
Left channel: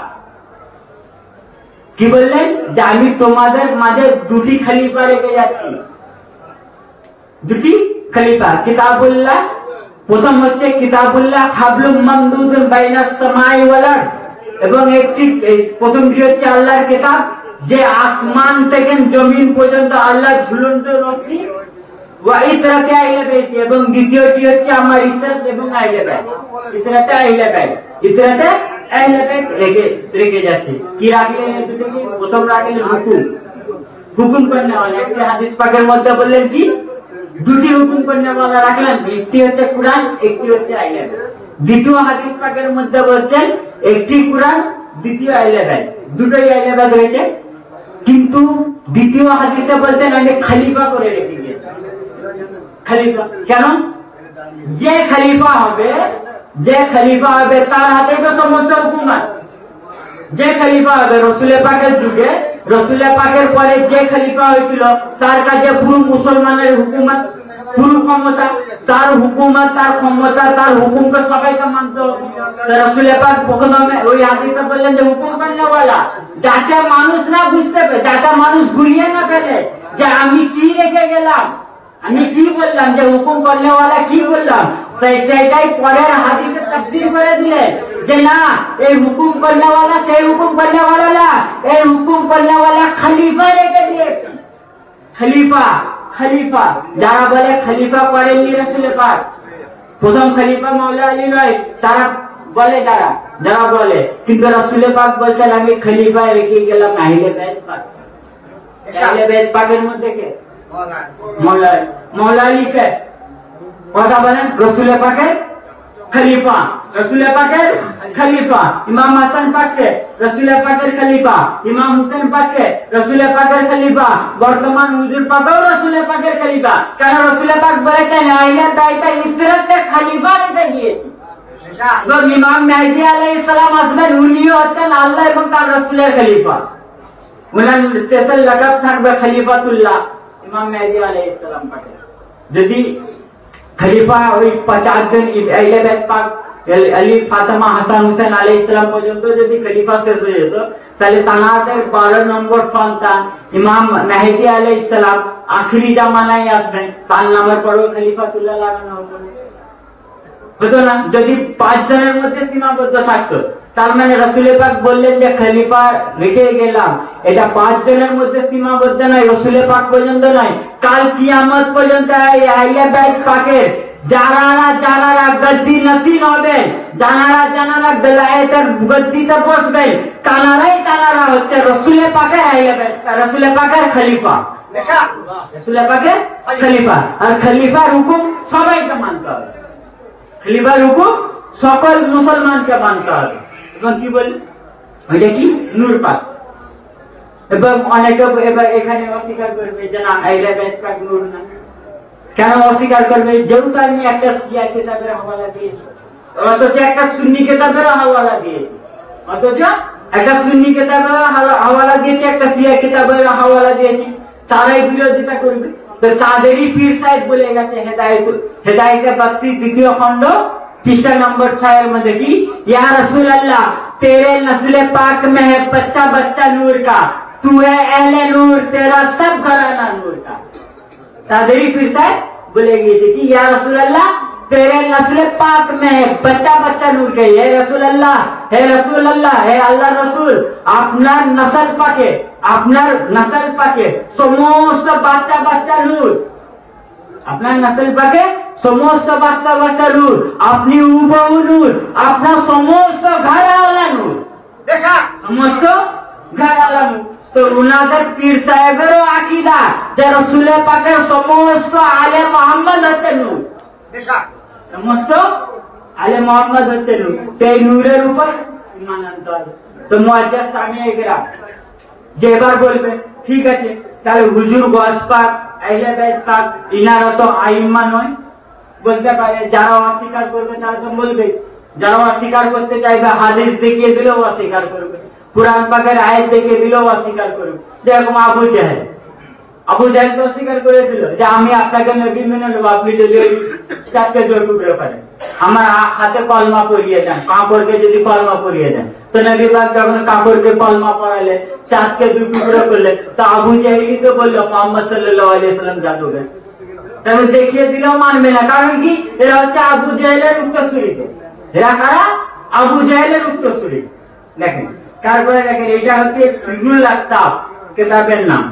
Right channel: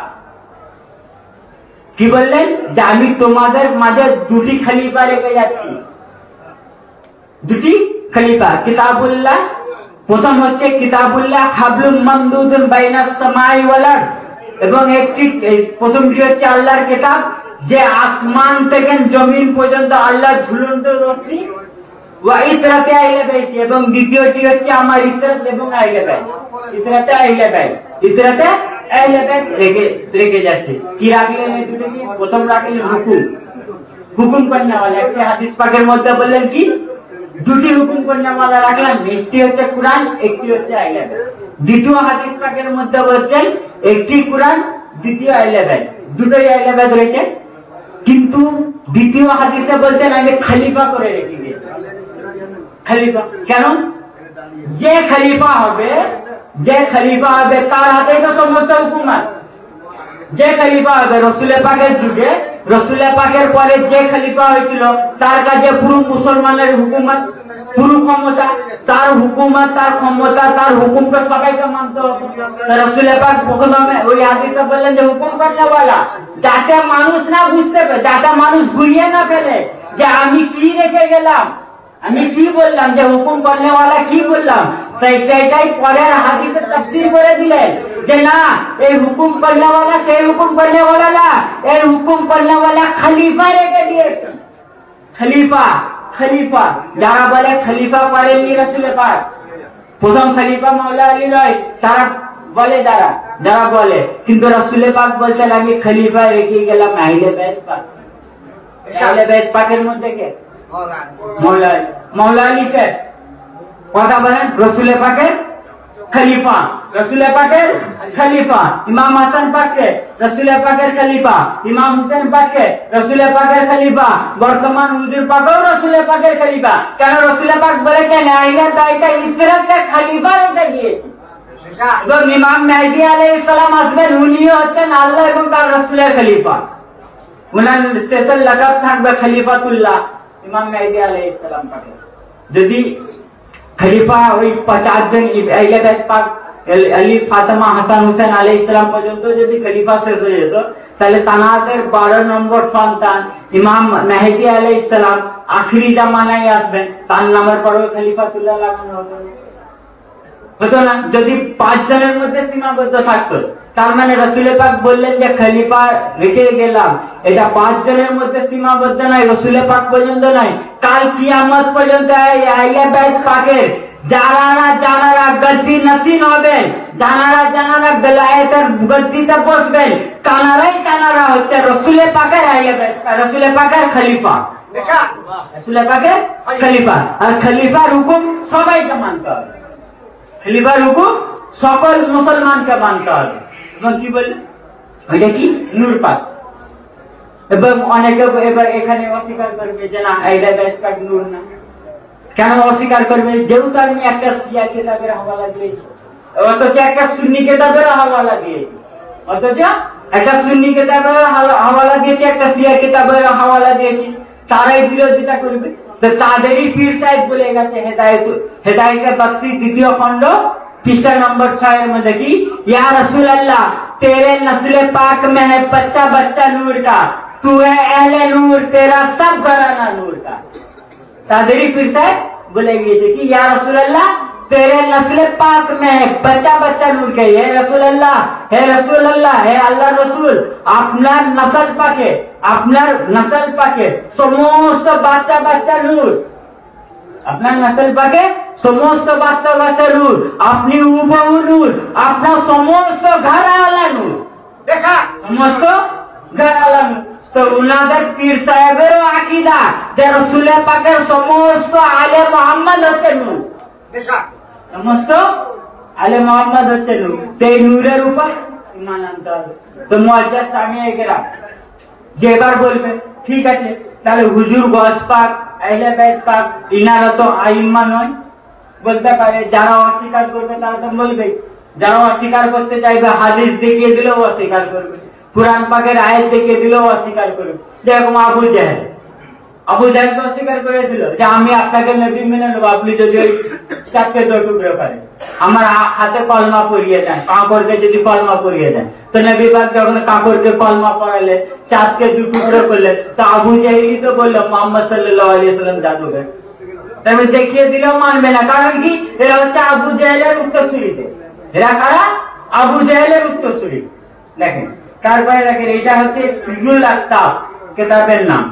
কি বললেন যে আমি তোমাদের মাঝে দুটি খলিফা রেখে যাচ্ছি, দুটি খলিফা, কিতাবুল্লাহ প্রথম হচ্ছে কিতাবুল্লাহ হাবলুম মামদুদুন বাইনাস সামাই ওয়াল আরদ, এবং একটি প্রথমটি হচ্ছে আল্লাহর কিতাব, যে আসমান থেকে জমিন পর্যন্ত আল্লাহ ঝুলন্ত রশ্মি, ওয়া ইতরাতে আহলে বাইত, এবং দ্বিতীয়টি হচ্ছে আমার ইতরাত এবং আহলে বাইত। ইতরাতে আহলে বাইত, ইতরাতে আহলে বাইত রেখে যাচ্ছে। কি রাখলেন এই দুটোকে? প্রথম রাখলেন হুকুম, হুকুম করনেওয়ালা। একটি হাদিস পাকের মধ্যে বললেন কি দুটি হুকুম করনেওয়ালা রাখলাম, একটি হচ্ছে কুরআন, একটি হচ্ছে আহলে বাইত। দ্বিতীয় হাদিস পাকের মধ্যে বলছেন একটি কুরআন, দ্বিতীয় আহলে বাইত, দুটোই আহলে বাইত রয়েছে। কিন্তু দ্বিতীয় হাদিসে বলছেন আমি খলিফা করে রেখে দিয়েছি। খলিফা কেন? যে খলিফা হবে তার হাতে তো সমস্ত হুকুমত। যে খলিফা হবে রসুলের পাকের যুগে, রসুলের পাকের পরে যে খলিফা হয়েছিল তার কাছে পুরো মুসলমানের হুকুমত, পুরো ক্ষমতা, তার হুকুমত, তার ক্ষমতা, তার হুকুমকে সবাইকে মানতে হবে। রসুলের পাক প্রথমে ওই হাদিসে বললেন যে হুকুম করনেওয়ালা, যাতে মানুষ না বুঝতে পারে, যাতে মানুষ ঘুরিয়ে না ফেলে যে আমি কি রেখে গেলাম, আমি কি বললাম, যে হুকুম করনেওয়ালা কি বললাম, সেটাই পরের হাদিসে তাফসীর করে দিলেন যে না, এই হুকুম করনেওয়ালা সেই হুকুম করনেওয়ালা না, এই হুকুম করনেওয়ালা খলিফা রেখে দিয়েছে। খলিফা, খলিফা যারা বলে খলিফা পড়েননি রাসূলের পাক, প্রথম খলিফা মাওলা আলী নয়, তারা বলে যারা বলে, কিন্তু রাসূলের পাক বলছেন আমি খলিফা রেখে গেলাম আহলে বাইত পাক। আহলে বাইত পাকের মধ্যে কে? মাওলা আলী কে? কথা বলেন। রসুলের পাকের খলিফা, রসুলের পাকের খলিফা। ইমাম হাসান পাককে রসুলের পাকের খলিফা, ইমাম হুসেন পাককে রসুলের পাকের খলিফা, বর্তমান হুজুর পাকেও রসুলের পাকের খলিফা। কেন? রসুলের পাক বলেছেন আহলে বাইতের ইতরাতে খলিফা রেখে দিয়েছি। এবং ইমাম মেহদী আলাইহিস সালাম আসবেন, উনিও হচ্ছেন আল্লাহ এবং তার রসুলের খলিফা। উনার শেষের লাকাব থাকবে খলিফাতুল্লাহ, ইমাম মেহদী আলাইহিস সালাম পাকে। যদি খলিফা ওই 50 জন আহলে বাইত পাক আলী, ফাতেমা, হাসান, হুসেন আলাইহিস সালাম পর্যন্ত যদি খলিফা শেষ হয়ে যেত, তাহলে তানাদের 12 নম্বর সন্তান ইমাম মেহদী আলাইহিস সালাম আখিরি জামানায় আসবেন, তার নামের পরেও খলিফাতুল্লাহ লাগানো হতো না। যদি 5 জনের মধ্যে সীমাবদ্ধ থাকতো, তার মানে রসুলের পাক বললেন যে খলিফা রেখে গেলাম, এটা 5 জনের মধ্যে সীমাবদ্ধ নয়, রসুলের পাক পর্যন্ত নয়, কাল কিয়ামত পর্যন্ত আহলে বাইত পাকের যারা গদ্দি নসীন হবে, যারা বেলায়েতের গদ্দিতে বসবেন, তারা হচ্ছে রসুলের পাকের আহলে বাইত, রসুলের পাকের খলিফা, রসুলের পাকের খলিফা। আর খলিফার হুকুম সবাইকে মানতে হবে, খলিফার হুকুম সকল মুসলমানকে মানতে হবে। এবং কি বল ওইটা কি নূর পাক, এবং অনেকে এবার এখানে অস্বীকার করবে যে না আহলে বাইত পাক নূর না। কেন অস্বীকার করবে? যেহেতু আমি একটা শিয়া কিতাবের হাওয়ালা দিয়েছি, অথচ একটা সুন্নি কিতাবের হাওয়ালা দিয়েছি, অথচ একটা সুন্নি কিতাবের হাওয়ালা দিয়েছি, একটা শিয়া কিতাবের হাওয়ালা দিয়েছি, তারাই বিরোধিতা করবে। তো তাদেরই পীর সাহেব বলে গেছে হেদায়েতে বখশি 2য় খণ্ড पृष्ठ नंबर 6 में देखी, या रसूल अल्लाह तेरे नस्ल पाक में है बच्चा बच्चा नूर का, तू है अहले नूर, तेरा सब घराना नूर का। तादरी पीर साहब बोलेगी कि या रसूल अल्लाह तेरे नस्ल पाक में है बच्चा बच्चा नूर का, है रसूल अल्लाह, है रसूल अल्लाह, है अल्लाह रसूल আপনার নসল পাকে, আপনার নসল পাকে সমস্ত বাচ্চা বাচ্চা নূর, আপনার নসল পাকে সমস্ত বাচ্চা বাচ্চা নূর, আপনি হুবহু নূর, আপনার সমস্ত ঘরানা নূর, সমস্ত ঘরানা নূর। তো উনাদের পীর সাহেবেরও আকীদা যে রাসূলের পাকের সমস্ত আলে মুহাম্মদ হচ্ছে নূর, সমস্ত আলে মুহাম্মদ হচ্ছে নূর। এই নূরের উপর ঈমান আনতে হবে। তো মুআজ্জাজ সামিয়ে কেরাম যে এবার বলবে ঠিক আছে, তাহলে হুজুর গস পাক আহলে বাইত পাক ইনারা তো আইম্মা নয়, বলতে পারে। যারা অস্বীকার করবে তারা তো বলবে, যারা অস্বীকার করতে চাইবে হাদিস দেখিয়ে দিলেও অস্বীকার করবে, কুরআন পাকের আয়াত দেখিয়ে দিলেও অস্বীকার করবে। যেরকম আবু জাহেল তো অস্বীকার করেছিল যে আমি আপনাকে নবী মেনে নেবো, আপনি যদি ওই 4 টুকরো করেন, আমার হাতে কলমা পরিয়ে দেন, কাপড়কে যদি কলমা পরিয়ে দেন। তো নবী পাক যখন কাপড়কে কলমা পরালে, 4 2 টুকরো করলে, তো আবু জাহেলই তো বললো মুহাম্মদ সাল্লাল্লাহু আলাইহি ওয়াসাল্লাম জাদুকর। তবে দেখিয়ে দিলেও মানবে না। কারণ কি? এরা হচ্ছে আবু জাহেলের উত্তরসূরি। এরা কারা? আবু জাহেলের উত্তরসূরি। দেখেন তারপরে দেখেন এটা হচ্ছে সিরুল আক্তাব কিতাবের নাম।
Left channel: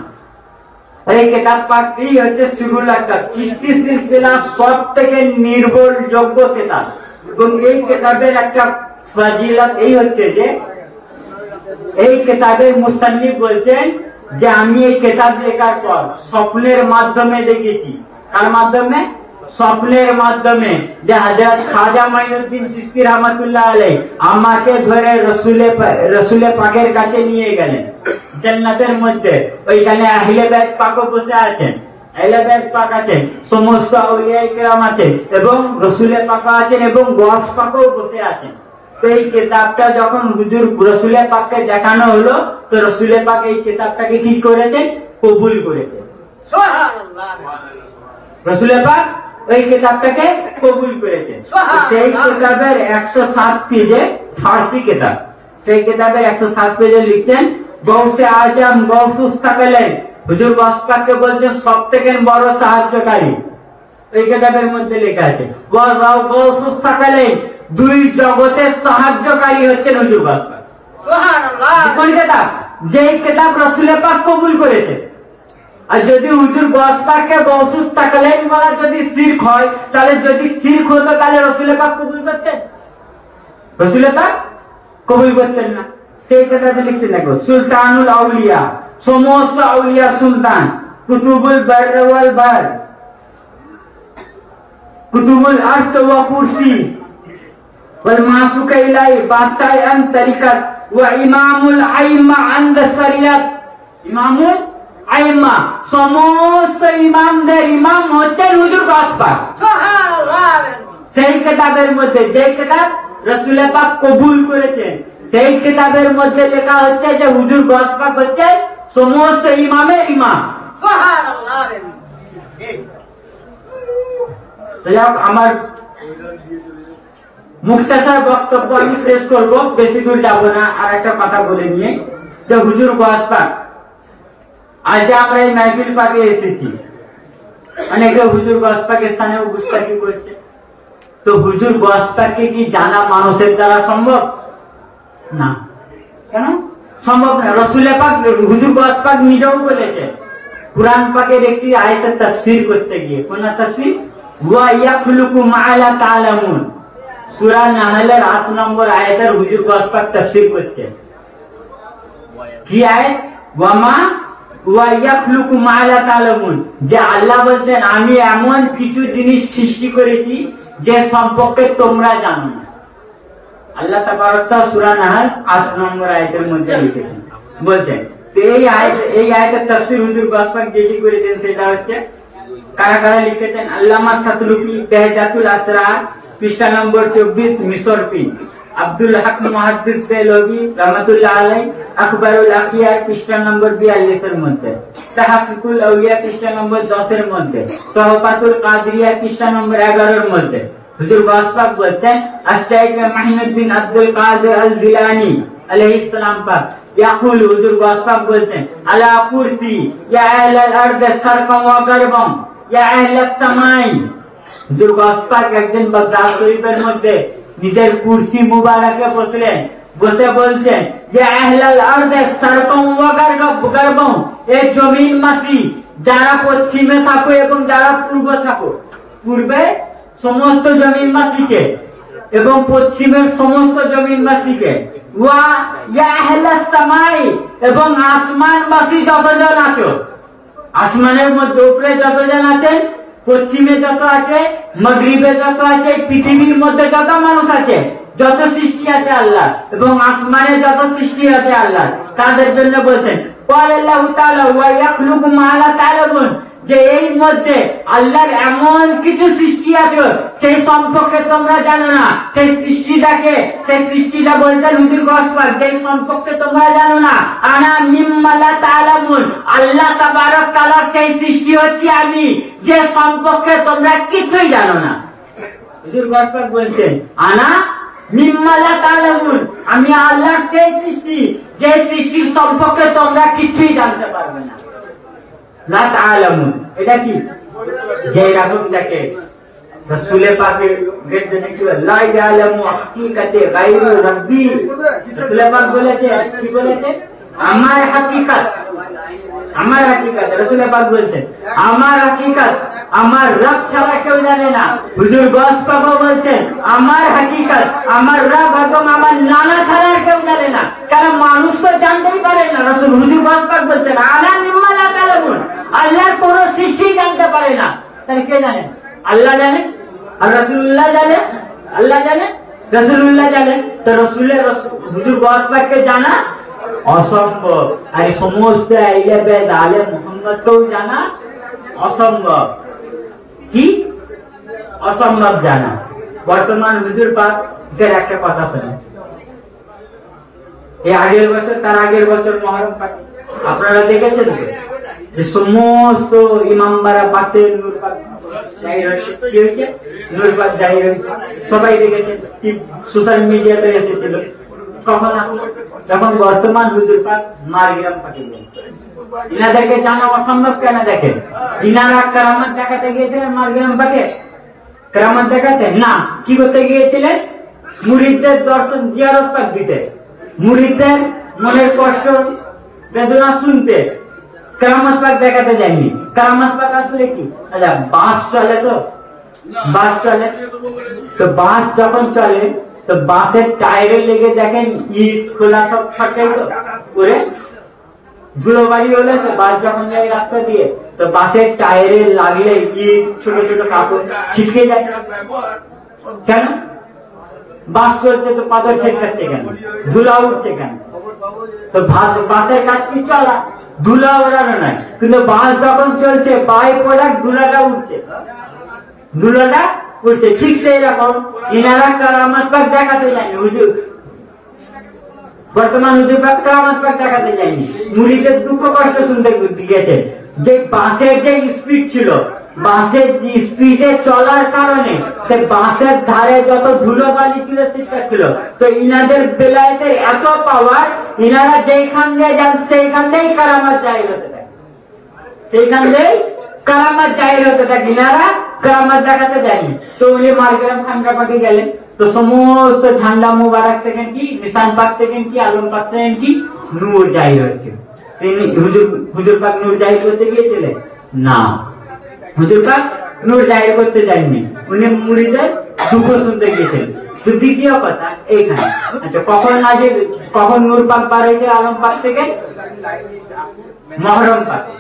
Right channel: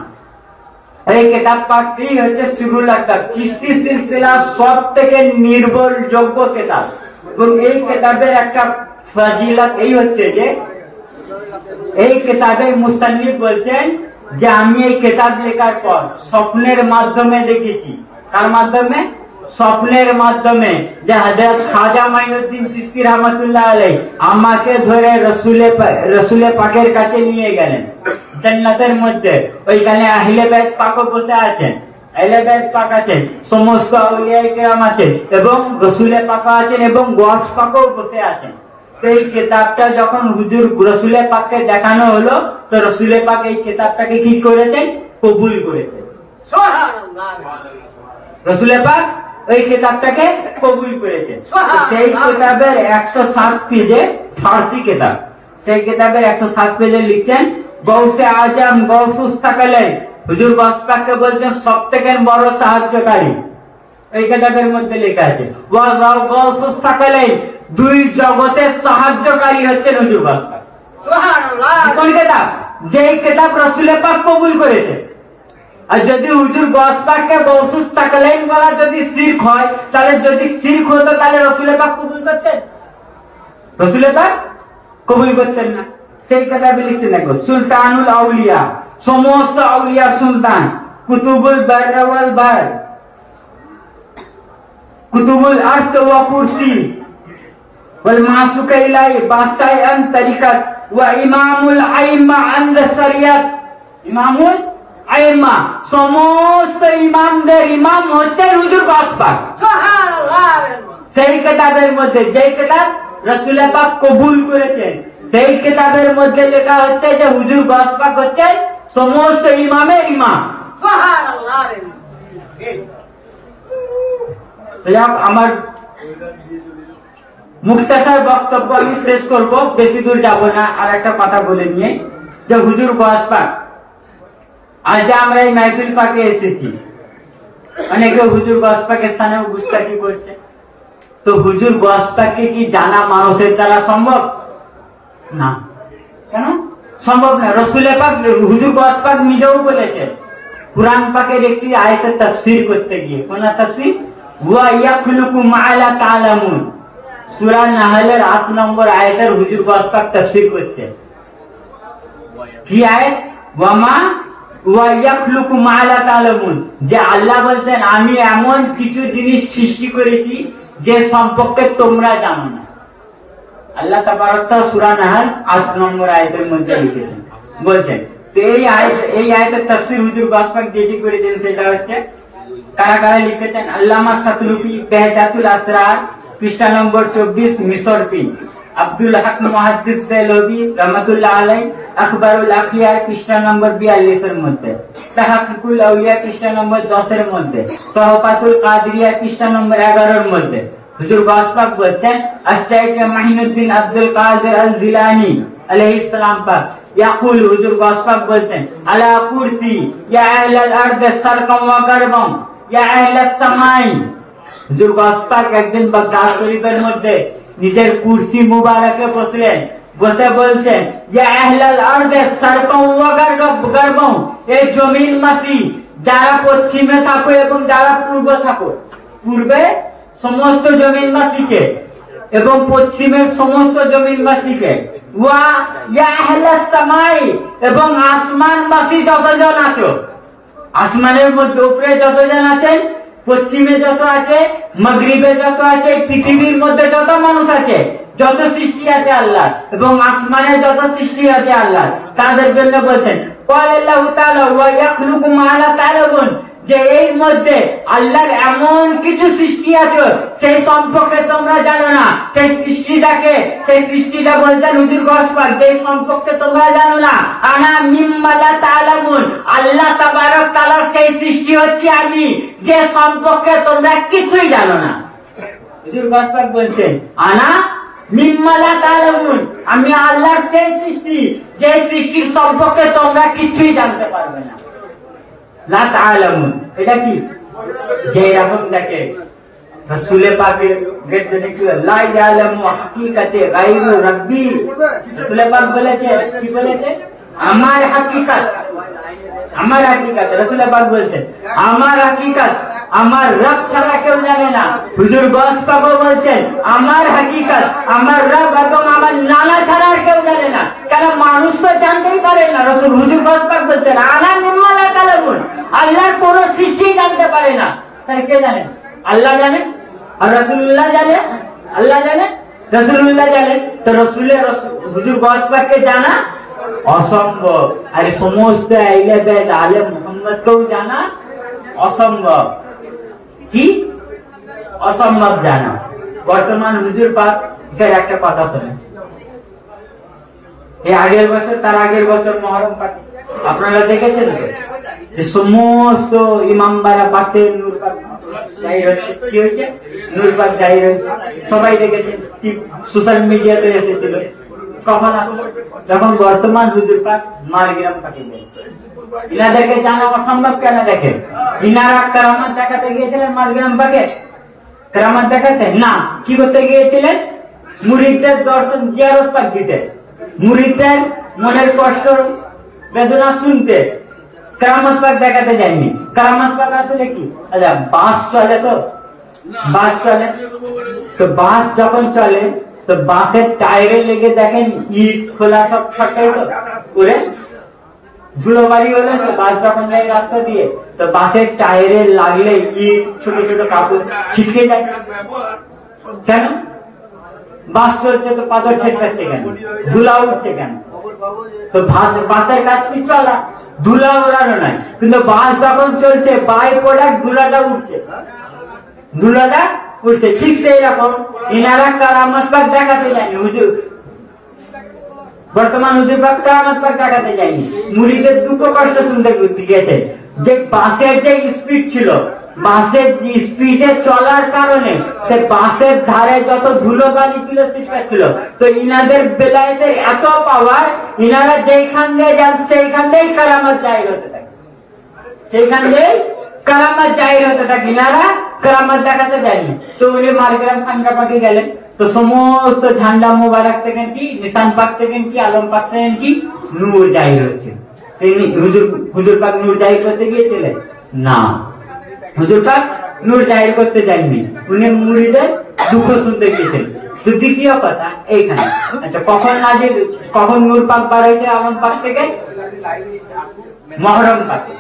এই কিতাব পাঠটি হচ্ছে সিরুল আক্তাব, চিশতি সিলসিলা সব থেকে নির্ভরযোগ্য কিতাব। এবং এই কিতাবের একটা ফাজিলত এই হচ্ছে যে এই কিতাবের মুসান্নিফ বলছেন যে আমি এই কিতাব লেখার পর স্বপ্নের মাধ্যমে দেখেছি। কার মাধ্যমে? স্বপ্নের মাধ্যমে যে হযরত খাজা মাইনুদ্দিন চিশতি রহমাতুল্লাহ আলাইহি আমাকে ধরে রসুলে পাকের কাছে নিয়ে গেলেন জান্নাতের মধ্যে। ওইখানে আহলে বাইত পাক বসে আছেন, আহলে বাইত পাক আছেন, সমস্ত আউলিয়া কিরাম আছেন এবং রসুলে পাক আছেন এবং গস পাকও বসে আছেন। তো এই কিতাবটা যখন হুজুর রসুলে পাককে দেখানো হলো তো রসুলে পাক এই কিতাবটাকে কি করেছেন? কবুল করেছেন। সুবহানাল্লাহ। রসুলে পাক এই কিতাবটাকে কবুল করেছেন। সেই কিতাবের 107 পেজে, ফার্সি কিতাব, সেই কিতাবের 107 পেজে লিখছেন গৌসে আজম গৌসুস থাকলেন হুজুর গস পাককে বলছেন সব থেকে বড় সাহায্যকারী। এই কিতাবের মধ্যে লেখা আছে গৌসুস থাকলেন দুই জগতের সাহায্যকারী হচ্ছেন হুজুর গস পাক। সুবহানাল্লাহ। কোন কিতাব? যেই কিতাব রসুলে পাক কবুল করেছে। আর যদি হুজুর গস পাককে গৌসুস থাকলেন বলা যদি শিরক হয়, তাহলে যদি শিরক হতো তাহলে রসুলে পাক কবুল করতেন? রসুলে পাক কবুল করতেন না। সেই কিতাবে লিখছেন দেখো সুলতানুল আউলিয়া, সমস্ত আউলিয়া সুলতান, কুতুবুল বার ওয়াল বার, কুতুবুল আরশ ওয়া কুরসি ওয়াল মাসুক ইলাহি বাদশাহ আন তরিকত ওয়া ইমামুল আইম্মা আনদ শরিয়ত। ইমামুল আইম্মা সমস্ত ইমামদের ইমাম হচ্ছেন হুজুর গস পাক। সুবহানাল্লাহ। সেই কিতাবের মধ্যে যে কিতাব রসুলে পাক কবুল করেছেন সেই কিতাবের মধ্যে লেখা হচ্ছে যে হুজুর গস পাক হচ্ছে সমস্ত ইমামের ইমাম। সুবহানাল্লাহ। আমার মুখতাসার বক্তব্য আমি শেষ করব, বেশি দূর যাব না। আর একটা কথা বলে নিয়ে যে হুজুর গস পাক আজ আমরা এই মাহফিল পাকে এসেছি, অনেকে হুজুর গস পাকের স্থানে গুস্তাখি করছে। তো হুজুর গস পাককে কি জানা মানুষের দ্বারা সম্ভব না? কেন সম্ভব না? রসুলে পাক হুজুর গস পাক নিজেও বলেছে কুরআন পাকের একটি আয়াতের তাফসীর করতে গিয়ে। কোন তাফসীর? ওয়া ইয়াখলুকু মা লা তা'লামুন, সূরা নাহলের 8 নম্বর আয়াতের হুজুর গস পাক তাফসীর করছে। কি আয়াত? ওয়ামা ওয়া ইয়াখলুকু মা লা তা'লামুন, যে আল্লাহ বলছেন আমি এমন কিছু জিনিস সৃষ্টি করেছি যে সম্পর্কে তোমরা জানো না। আল্লাহ তাবারক তাআলা সূরা নাহল 8 নম্বর আয়াতের মধ্যে লিখেছেন, বলছেন। তো এই আয়াতের তাফসীর হুজুর গস পাক যেটি করেছেন সেটা হচ্ছে কারা কারা লিখেছেন? আল্লামা সাতলুকি বেহজাতুল আসরার পৃষ্ঠা নম্বর 24 মিশর পি, আব্দুল হক মুহাদ্দিস দেলভি রহমাতুল্লাহ আলাইহি আখবারুল আখিয়া পৃষ্ঠা নম্বর 42 এর মধ্যে, তাহকিকুল আউলিয়া পৃষ্ঠা নম্বর 10 এর মধ্যে, তহফাতুল কাদরিয়া পৃষ্ঠা নম্বর 11 এর মধ্যে হুজুর গস পাক বলছেন আশ-শাইখ মাইনুদ্দিন আব্দুল কাদের আল জিলানী আলাইহিস সালাম পাক ইয়াকুল, হুজুর গস পাক বলছেন আলা কুরসি ইয়া আহলাল আরদ সারকাম ওয়া গারবাম ইয়া আহলাস সামাই। হুজুর গস পাক একদিন বাগদাদ শরীফের মধ্যে নিজের কুরসি মুবারকে বসলেন, বসে বলছেন ইয়া আহলাল আরদ সারকাম ওয়া গারবাম, এই জমিনবাসী যারা পশ্চিমে থাকো এবং যারা পূর্বে থাকো, পূর্বে সমস্ত জমিনবাসীকে এবং পশ্চিমের সমস্ত জমিনবাসীকে, ওয়া ইয়া আহলাস সামাই, এবং আসমানবাসী যতজন আছো, আসমানের মধ্যে উপরে যতজন আছেন, পশ্চিমে যত আছে, মাগরিবে যত আছে, পৃথিবীর মধ্যে যত মানুষ আছে, যত সৃষ্টি আছে আল্লাহ এবং আসমানে যত সৃষ্টি আছে আল্লাহ, তাদের জন্য বলছেন আল্লাহু তাআলা ওয়া ইয়াখলুকু মা লা তা'লামুন, যে এই মধ্যে আল্লাহর এমন কিছু সৃষ্টি আছে সেই সম্পর্কে তোমরা জানো না। সেই সৃষ্টিটা বলছেন হুজুর গস পাক, যে সম্পর্কে তোমরা জানো না। আনা মিম্মা লা তা'লামুন, আল্লাহ তাবারক তাআলা সেই সৃষ্টি হচ্ছে আমি, যে সম্পর্কে তোমরা কিছুই জানো না। হুজুর গস পাক বলছেন আনা মিম্মা লা তা'লামুন, আমি আল্লাহর সেই সৃষ্টি যে সৃষ্টির সম্পর্কে তোমরা কিছুই জানতে পারবে না। লা তা'লামুন এটা কি? যে রকম দেখে রসুলে পাকের গেটে কি লা ইয়ালামু হাকিকাতে গায়রু রাব্বি, রসুলে পাক বলেছে কি বলেছে? আমার হাকিকাত, আমার হাকিকাত। রসুলে পাক বলছেন আমার হাকিকাত আমার রব ছাড়া কেউ জানে না। হুজুর গস বাবা বলছেন আমার হাকিকাত আমার রব এবং আমার নানা ছাড়া আর কেউ জানে না। কারণ মানুষ তো জানতেই পারে না। রসুল হুজুর গস পাক বলছেন আলা মিম্মা লা তালামুন, আল্লাহর কোন সৃষ্টি জানতে পারে না। তাহলে কে জানে? আল্লাহ জানে, আর রাসূলুল্লাহ জানে, আল্লাহ জানে, রাসূলুল্লাহ জানেন। তো রসুলের হুজুর গস পাককে জানা অসম্ভব। আর সমস্ত আইলে বেদ আলেম মুহাম্মদকেও জানা অসম্ভব। কি অসম্ভব জানা? বর্তমান হুজুর পাকের একটা কথা শোনেন। এই আগের বছর, তার আগের বছর মহরম পাক আপনারা দেখেছেন যে সমস্ত ইমামবাড়া পাকে নূর পাক জাহির হচ্ছে। কি হয়েছে? নূর পাক জাহির হয়েছে, সবাই দেখেছেন, সোশ্যাল মিডিয়াতে এসেছিল। কখন আসলো? যখন বর্তমান হুজুর পাক মারগ্রাম পাকে গেলেন। ইনাদেরকে জানা অসম্ভব কেন? দেখেন ইনারা কেরামত দেখাতে গিয়েছিলেন মারগ্রাম পাকে, কেরামত দেখাতে না, কি করতে গিয়েছিলেন? মুরিদদের দর্শন জিয়ারত পাক দিতে, মুরিদদের মনের কষ্ট বেদনা শুনতে, কেরামত পাক দেখাতে যায়নি। কেরামত পাক আসলে কি? আচ্ছা, বাস চলে, তো বাস চলে, তো বাস যখন চলে তো বাসের টায়ারে লেগে দেখেন ইট খোলা সব ছটে করে ধুলো বাড়ি হলে বাস যখন যায় রাস্তা দিয়ে, তো বাসের টায়ারে লাগলে ইট ছোট ছোট পাথর ছিটকে যায়। কেন? বাস চলছে তো পাথর ছিটকাচ্ছে কেন? ধুলা উঠছে কেন? তো বাসের কাজ কি চলা, ধুলা ওড়ানো নয়, কিন্তু বাস যখন চলছে বাই প্রোডাক্ট ধুলাটা উঠছে, ধুলাটা উঠছে। ঠিক সেই রকম ইনারা কেরামত পাক দেখাতে যায়নি। হুজুর বর্তমান হুজুর পাক কেরামত পাক দেখাতে যায়নি, মুরিদের দুঃখ কষ্ট শুনতে গিয়েছে। যে বাসের যে স্পিড ছিল, বাসের স্পিডে চলার কারণে সে বাসের ধারে যত ধুলোবালি ছিল সেটা ছিল। তো ইনাদের বেলায়েতে এত পাওয়ার, ইনারা যেখান দিয়ে যান সেইখান দিয়েই কেরামত জাহির হতে থাকে, সেইখান দিয়েই কেরামত জাহির হতে থাকে। ইনারা কেরামত দেখাতে যায়নি। তো উনি মারগ্রাম খানকা পাকে গেলেন, তো সমস্ত ঝান্ডা মুবারক থেকে কি, নিশান পাক থেকে কি, আলম পাক থেকে কি নূর জাহির হচ্ছে। হুজুর পাক নূর জাহির করতে গিয়েছিলেন না, হুজুর পাক নূর জাহির করতে যায়নি, উনি মুরিদের দুঃখ শুনতে গিয়েছিলেন। তো দ্বিতীয় কথা এইখানে, আচ্ছা কখন নূর পাক বার হয়েছে আলম পাক থেকে? মহরম পাকে,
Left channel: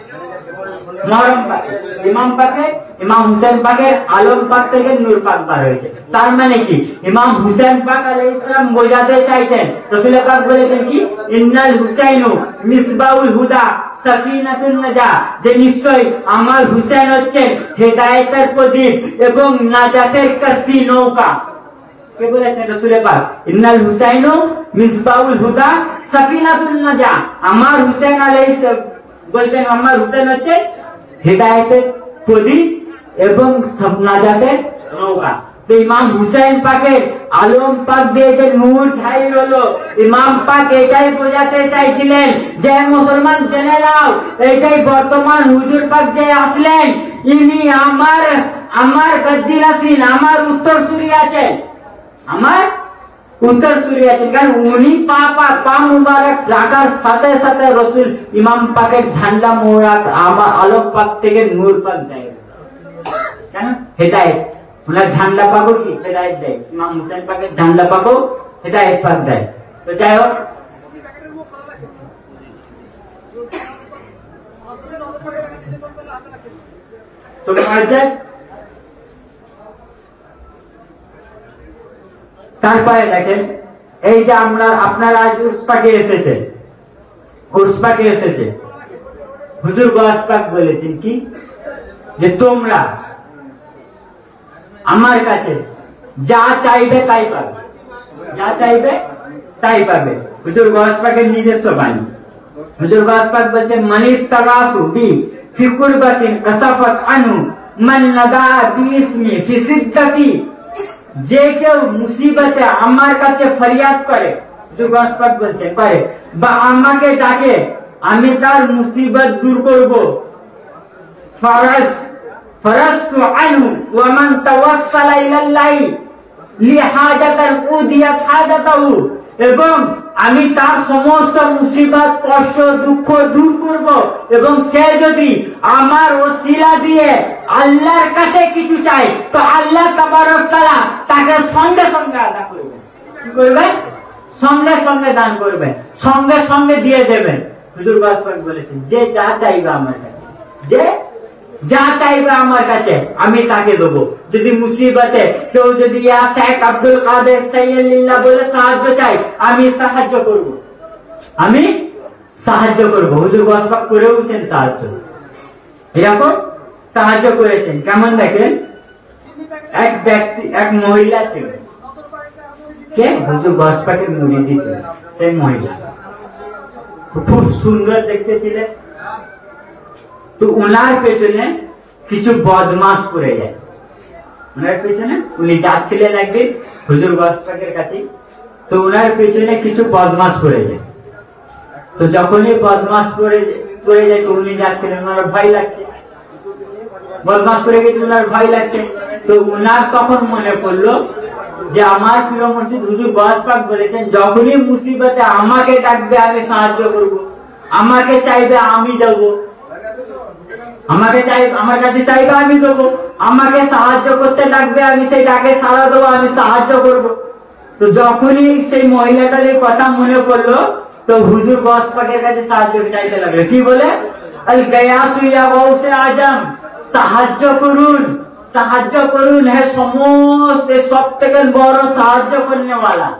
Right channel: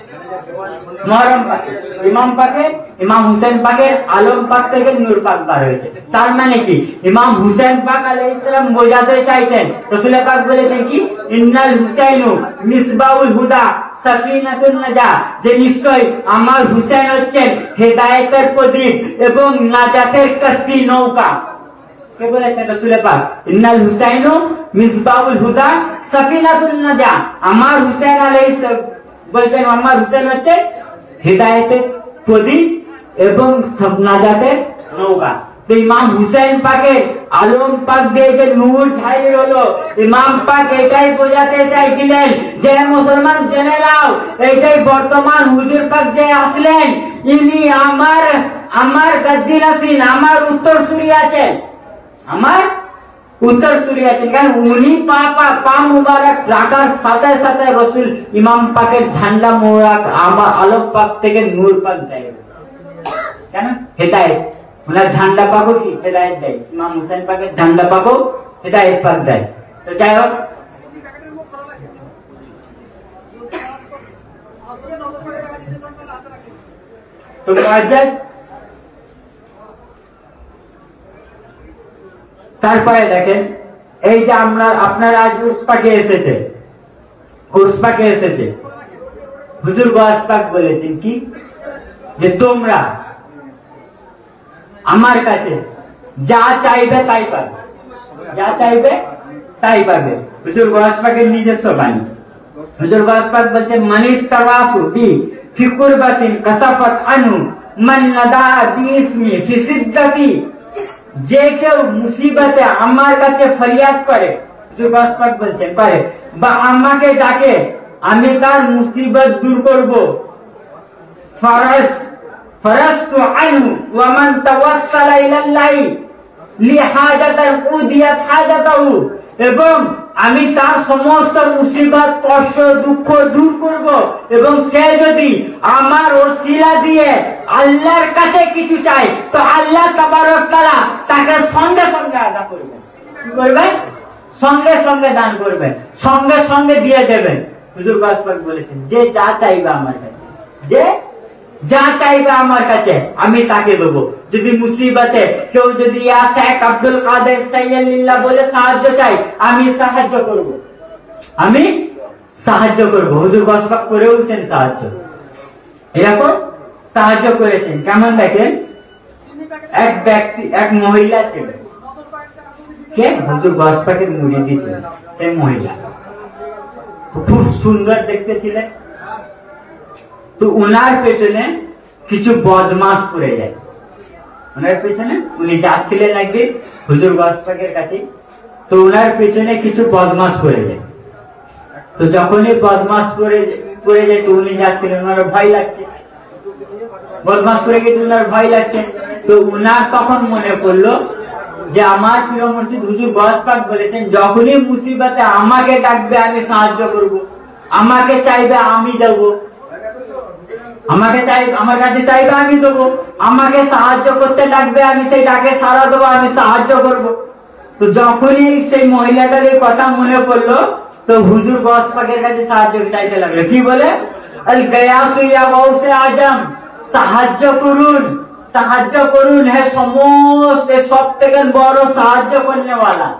মহরম পাকে ইমাম পাকে, ইমাম হুসেন পাকের আলম পাক থেকে নূর পাক বার হয়েছে। তার মানে কি? ইমাম হুসেন পাক আলাইহিস সালাম বোঝাতে চাইছেন, রাসূল পাক বলেছেন কি ইন্নাল হুসাইনু মিসবাউল হুদা সাফিনাতুন নাজা, যে নিশ্চয় আমার হুসেন হচ্ছেন হেদায়েতের প্রদীপ এবং নাজাতের কাস্তি নৌকা। কে বলেছেন? রাসূল পাক ইন্নাল হুসাইনু মিসবাউল হুদা সাফিনাতুন নাজা, আমার হুসেন আলাইহিস বলছেন আমার হুসেন হচ্ছে হেদায়েতের প্রদীপ এবং নাজাতের নৌকা। তো ইমাম হুসেন পাকের আলম পাক দিয়ে যে নূর জাহির হলো, ইমাম পাক এটাই বোঝাতে চাইছিলেন যে মুসলমান জেনে নাও, এটাই বর্তমান হুজুর পাক যে আসলেন, ইনি আমার গদ্দি নাসিন, আমার উত্তরসূরি আছেন, আমার উত্তরসূরি আছেন। কারণ উনি পা মুবারক রাখার সাথে সাথে রসুল ইমাম পাকের ঝান্ডা মোবারক আমার আলম পাক থেকে নূর পাক যায়। কেন? হেদায়েত, ওনার ঝান্ডা পাকও কি হেদায়েত দেয়, ইমাম হুসেন পাকের ঝান্ডা পাকও হেদায়েত পাক দেয়। তো যাই হোক, তো তারপরে দেখেন এই যে আপনারা আজ উর্স পাকে এসেছে, উর্স পাকে এসেছে, হুজুর গস পাক বলেছেন কি যে তোমরা আমার কাছে যা চাইবে তাই পাবে, যা চাইবে তাই পাবে। হুজুর গস পাকের নিজস্ব বাণী। হুজুর গস পাক বলছেন মানিস তারাসু বি ফি কুরবাতিন কাসাফাত আনু মান নাদা বিসমি ফি সিদ্দাতি, যে কেউ মুসিবতে আমার কাছে ফরিয়াদ করে, হুজুর গস পাক বলছেন করে, বা আমাকে ডাকে, আমি তার মুসিবত দূর করব। ফারাস্তু আনহু ওয়া মান তাওয়াসসালা ইলাল্লাহি লিহাজাতান উদিয়াত হাজাতাহু, এবং আমি তার সমস্ত মুসিবত কষ্ট দুঃখ দূর করব, এবং সে যদি আমার ওসিলা দিয়ে আল্লাহর কাছে কিছু চায় তো আল্লাহ তাবারক তাআলা তাকে সঙ্গে সঙ্গে আদা করবেন। কি করবেন? সঙ্গে সঙ্গে দান করবেন, সঙ্গে সঙ্গে দিয়ে দেবেন। হুজুর গাউস পাক বলেছেন, যে যা চাইবে আমার কাছে, যে যা চাইবে আমার কাছে আমি তাকে দেবো। যদি মুসিবতে কেউ যদি ইয়া শেখ আব্দুল কাদের সাইয়্যিদুল্লাহ বলে সাহায্য চাই, আমি সাহায্য করব, আমি সাহায্য করব। হুজুর গাউস পাক করেওছেন সাহায্য, এরকম সাহায্য করেছেন। কেমন দেখেন, এক ব্যক্তি, এক মহিলা ছিল, কে হুজুর গাউস পাকের মুরিদি ছিল। সেই মহিলা খুব সুন্দর দেখতে ছিলেন। তো উনার পেছনে কিছু বদমাশ পড়ে যায়। উনার পেছনে উনি যাচ্ছিলেন একদিন হুজুর গাউস পাকের কাছে, তো উনার পেছনে কিছু বদমাশ পড়ে যায়। তো যখনই বদমাশ পড়ে যায় তো উনি যাচ্ছিলেন, ওনার ভয় লাগছে, বদমাশ পড়ে গেছে, উনার ভয় লাগছে। তো উনার তখন মনে করলো যে আমার প্রিয় মুর্শিদ হুজুর গাউস পাক বলেছেন, যখনই মুসিবতে আমাকে ডাকবে আমি সাহায্য করব, আমাকে চাইবে আমি দেবো, আমাকে চাই, আমার কাছে চাইবে আমি দেবো, আমাকে সাহায্য করতে লাগবে আমি সেই ডাকে সাড়া দেবো, আমি সাহায্য করব। তো যখনই সেই মহিলাটার এই কথা মনে পড়লো তো হুজুর গাউস পাকের কাছে সাহায্য চাইতে লাগলো। কি বলে? আল গায়াসু ইয়া গাউসে আজম, সাহায্য করুন, সাহায্য করুন, হে সমস্ত সব থেকে বড় সাহায্য করনেওয়ালা।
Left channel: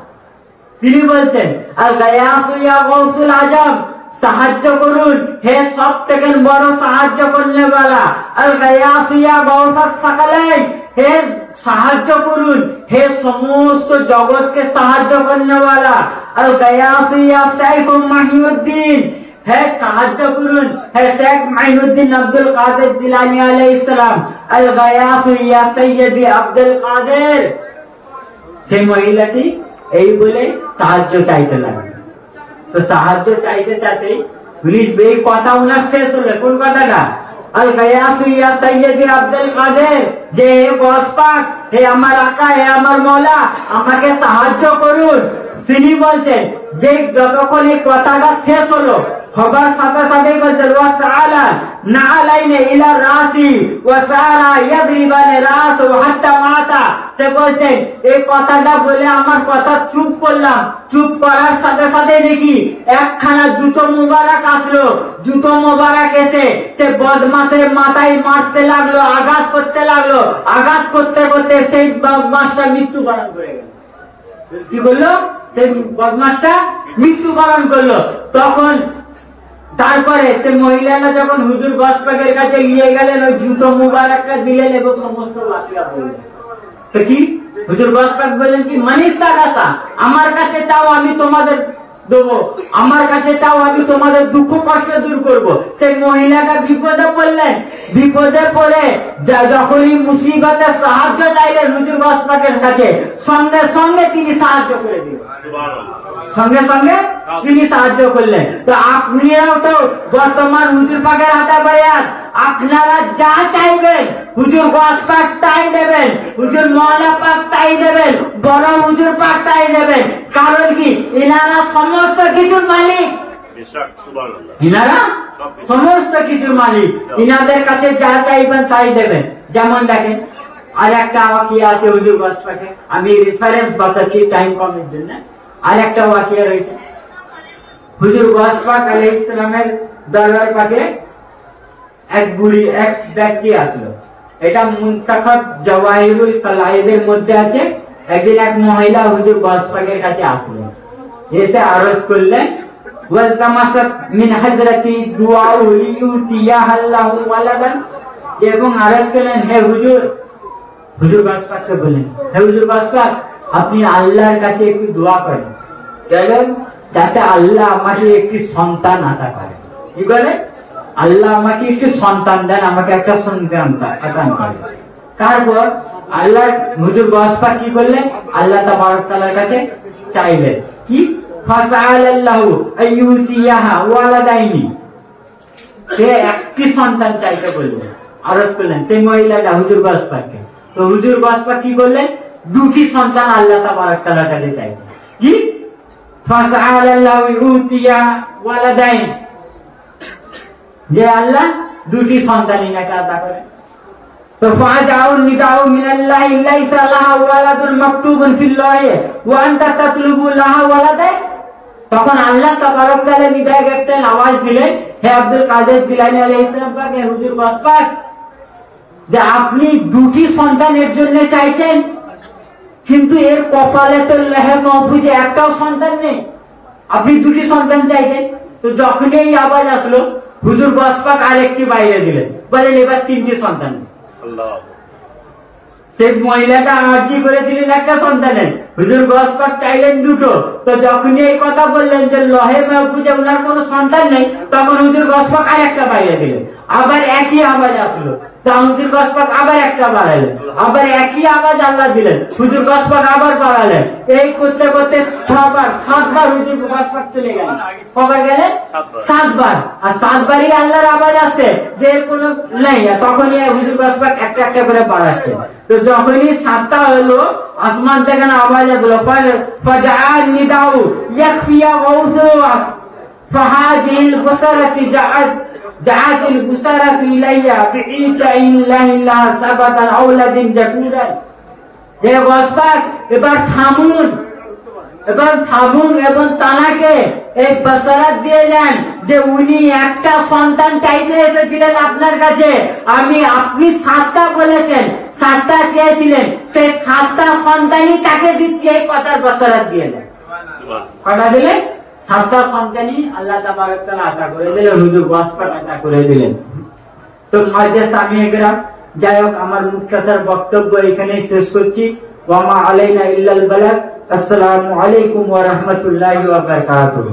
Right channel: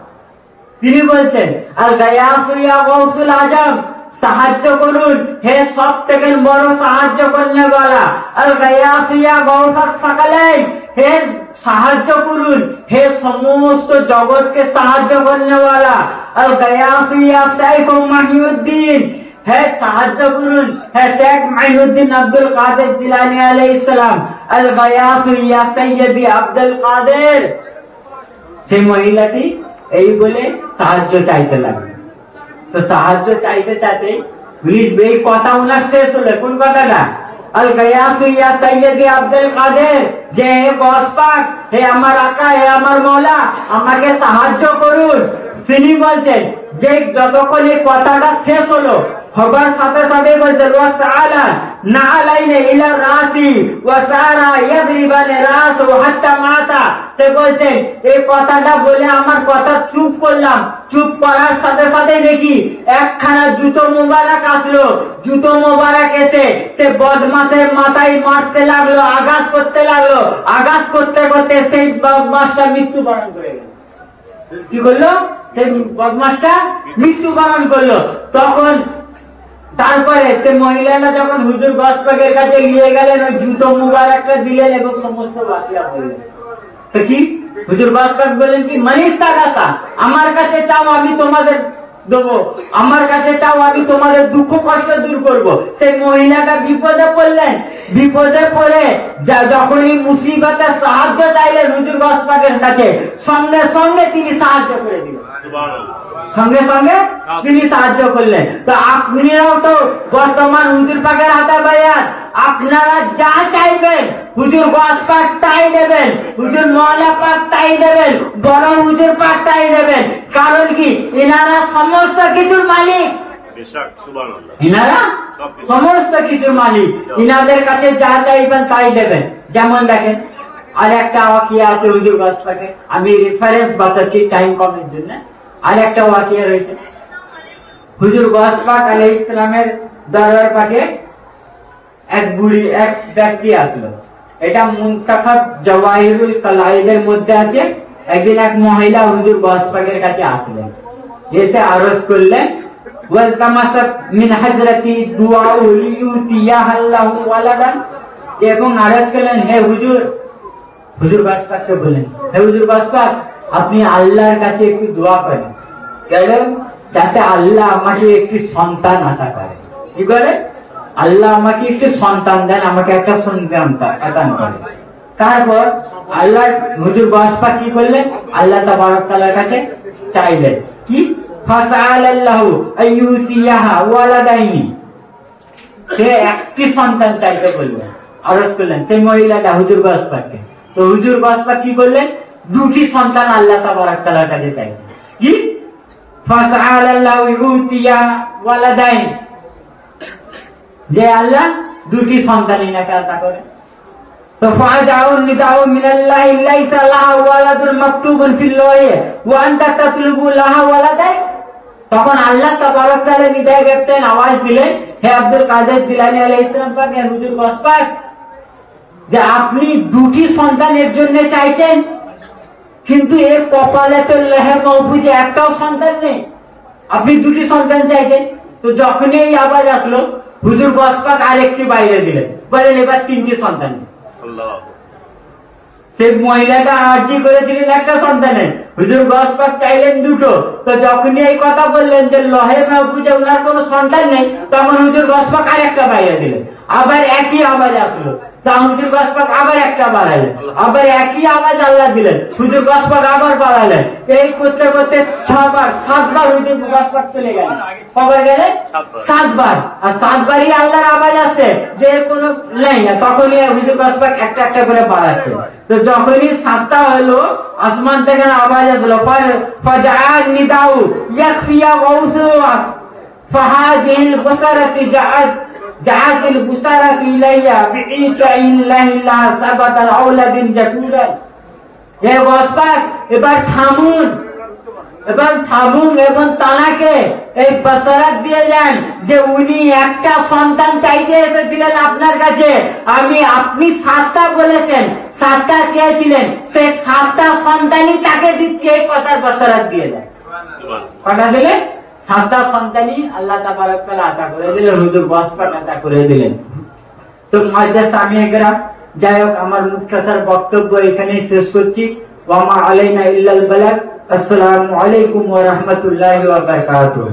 তিনি বলছেন আল গায়াসু ইয়া গাউসুল আজম, সাহায্য করুন হে সব থেকে বড় সাহায্য করনেওয়ালা। আল গায়াসু ইয়া গাউসাত সাকালাই, হে সাহায্য করুন হে সমস্ত জগৎকে সাহায্য করনেওয়ালা। আল গায়াসু ইয়া শাইখ মাহিউদ্দিন, হে সাহায্য করুন হে শেখ মাহিউদ্দিন আব্দুল কাদের জিলানী আলাইহিস সালাম। আল গায়াসু ইয়া সাইয়্যিদি আব্দুল কাদের। সেই মহিলাটি এই বলে সাহায্য চাইতে লাগলো। তো সাহায্য চাইতে চাইতে এই কথা উনার শেষ হলো। কোন কথাটা? আল গায়াসু ইয়া সাইয়্যিদি আব্দুল কাদের, যে হে গাউস পাক, হে আমার আকা, হে আমার মওলা, আমাকে সাহায্য করুন। তিনি বলছেন যে যতক্ষণ এই কথাটা শেষ হলো হবার সাথে সাথে বলছেন ওয়াসআলা নাআলাইনা ইলা রাসি ওয়াসারা ইয়াদরিবানে রাস হাত্তা মাতা। সে বলছেন এই কথাটা বলে আমার কথা চুপ করলাম, চুপ করার সাথে সাথে দেখি একখানা জুতো মোবারক আসলো। জুতো মোবারক এসে সে বদমাশের মাথায় মারতে লাগলো, আঘাত করতে লাগলো। আঘাত করতে করতে সেই বদমাশটা মৃত্যুবরণ করে গেল। কি করলো? সেই বদমাশটা মৃত্যুবরণ করলো। তখন তারপরে সে মহিলাটা যখন হুজুর গাউস পাকের কাছে নিয়ে গেলেন, ওই জুতো মুবারকটা দিলেন এবং সমস্ত বাকিয়া বললেন। তো কি হুজুর গাউস পাক বললেন কি, মানিস্তা কাসা, আমার কাছে চাও আমি তোমাদের দেবো, আমার কাছে চাও আমি তোমাদের দুঃখ কষ্ট দূর করব। সেই মহিলাটা বিপদে পড়লেন, বিপদে পড়ে যখনই মুসিবতে সাহায্য চাইলেন হুজুর গাউস পাকের কাছে, সঙ্গে সঙ্গে তিনি সাহায্য করে দিলেন, সঙ্গে সঙ্গে তিনি সাহায্য করলেন। তো আপনিও তো বর্তমান হুজুর পাকের হাতে বায়াত, আপনারা যা চাইবেন হুজুর গাউস পাক তাই দেবেন, হুজুর মওলা পাক তাই দেবেন, বড় হুজুর পাক তাই দেবেন। কারণ কি, ইনারা সমস্ত কিছুর মালিক, ইনারা সমস্ত কিছুর মালিক, ইনাদের কাছে যা চাইবেন তাই দেবেন। যেমন দেখেন আর একটা ওয়াকিয়া আছে হুজুর গাউস পাকে, আমি রেফারেন্স বাঁচাচ্ছি টাইম কমের জন্য। আর একটা ওয়াকিয়া রয়েছে, হুজুর গাউস পাক আলাইহিস সালামের দরবার পাকে এক ব্যক্তি আসলো। এটা মুনতাখাব জাওয়াহিরুল কালাইদের মধ্যে আছে। একদিন এক মহিলা হুজুর গাউস পাকের কাছে আসলেন, এসে আরজ করলেন ওয়ালতামাসাত মিন হযরতি দুআউ লিউতিয়াহাল্লাহু ওয়ালাদান, এবং আরজ করলেন হে হুজুর, হুজুর গাউস পাককে বললেন হে হুজুর গাউস পাক, আপনি আল্লাহর কাছে একটু দোয়া করেন, বলেন যাতে আল্লাহ আমাকে একটি সন্তান আতা করে। কি বলে? আল্লাহ আমাকে একটু সন্তান দেন, আমাকে একটা সন্তান আতা করেন। তারপর আল্লাহ হুজুর গাউস পাক কি বললেন? আল্লাহ তাবারক তাআলার কাছে চাইলেন কি, ফাসাআলাল্লাহু আইয়ুতিয়াহা ওয়ালাদাইনি, সে একটি সন্তান চাইতে বললেন। আরজ করলেন সেই মহিলাটা হুজুর গসপাককে। তো হুজুর গসপাক কি করলেন? দুটি সন্তান আল্লাহ তাবারক তাআলার কাছে চাইলেন। কি? ফাসআলাল্লাহু ইউতিয়া ওয়ালাদাইন, যে আল্লাহ দুটি সন্তান ইনাকে আতা করে। তো ফাজাউন নিদাউ মিনাল্লাহি লাইসা লাহা ওয়ালাদুন মাকতুবুন ফিল লাহি ওয়া আনতা তাতলুবু লাহা ওয়ালাদাইন। তখন আল্লাহ তাবারক তাআলা নিদায় করতেন, আওয়াজ দিলেন, হে আব্দুল কাদের জিলানী আলাইহিস সালাম পাক, হে হুজুর গসপাক, যে আপনি দুটি সন্তানের জন্য চাইছেন, কিন্তু এর কপালে তো লেহে মাহফুজে একটাও সন্তান নেই, আপনি দুটি সন্তান চাইছেন। তো যখনই এই আওয়াজ আসলো হুজুর গসপাক আরেকটি বাইরে দিলেন, বলেন এবার তিনটি সন্তান। সেই মহিলাটা আর্জি করেছিলেন একটা সন্তানের, হুজুর গসপাক চাইলেন দুটো। তো যখনই এই কথা বললেন যে লহে মাহফুজে উনার কোনো সন্তান নেই, তখন হুজুর গসপাক আরেকটা বাইরে দিলেন। আবার একই আওয়াজ আসলো, হুজুর গসপাক আবার একটা বাড়াইলেন, আবার একই আওয়াজ আল্লাহ দিলেন, হুজুর গসপাক আবার বাড়াইলেন। এই করতে করতে 7বার হুজুর গসপাক চলে গেলেন। কবে গেলেন? 7বার। আর 7বারই আল্লাহর আওয়াজ আসছে যে কোনো নেই, তখনই হুজুর গসপাক একটা একটা করে বাড়াচ্ছে। তো যখনই 7টা হলো, আসমান থেকে আওয়াজ আসলো, ফাজাআন নিদাউ ইয়াকফিয়া গাউসুয়া ফাহাজিল বসারাতি জাআতিল বুসারাতু ইলাইয়া বিইতা ইল্লাল্লাহ সাবাতাল আওলাদিন জাকুরা। হে গসপাক, এবার থামুন, এবং তানাকে এই বসারাত দিয়ে যান যে উনি একটা সন্তান চাইতে এসেছিলেন আপনার কাছে, আপনি 7টা বলেছেন, 7টা চেয়েছিলেন, সেই 7টা সন্তানই তাকে দিচ্ছি, এই কথার বসারাত দিয়ে যান। কথা দিলেন 7টা সন্তানই আল্লাহ তাবারক তাআলা আশা করে দিলেন, হুজুর গসপাক আশা করে দিলেন। তো মুআজ্জাজ সামিয়ে কেরাম, যাই হোক আমার মুখতাসার বক্তব্য এখানেই শেষ করছি। ওয়া মা আলাইনা ইল্লাল বালাগ। আসসালামু আলাইকুম ওয়া রাহমাতুল্লাহি ওয়া বারাকাতুহু।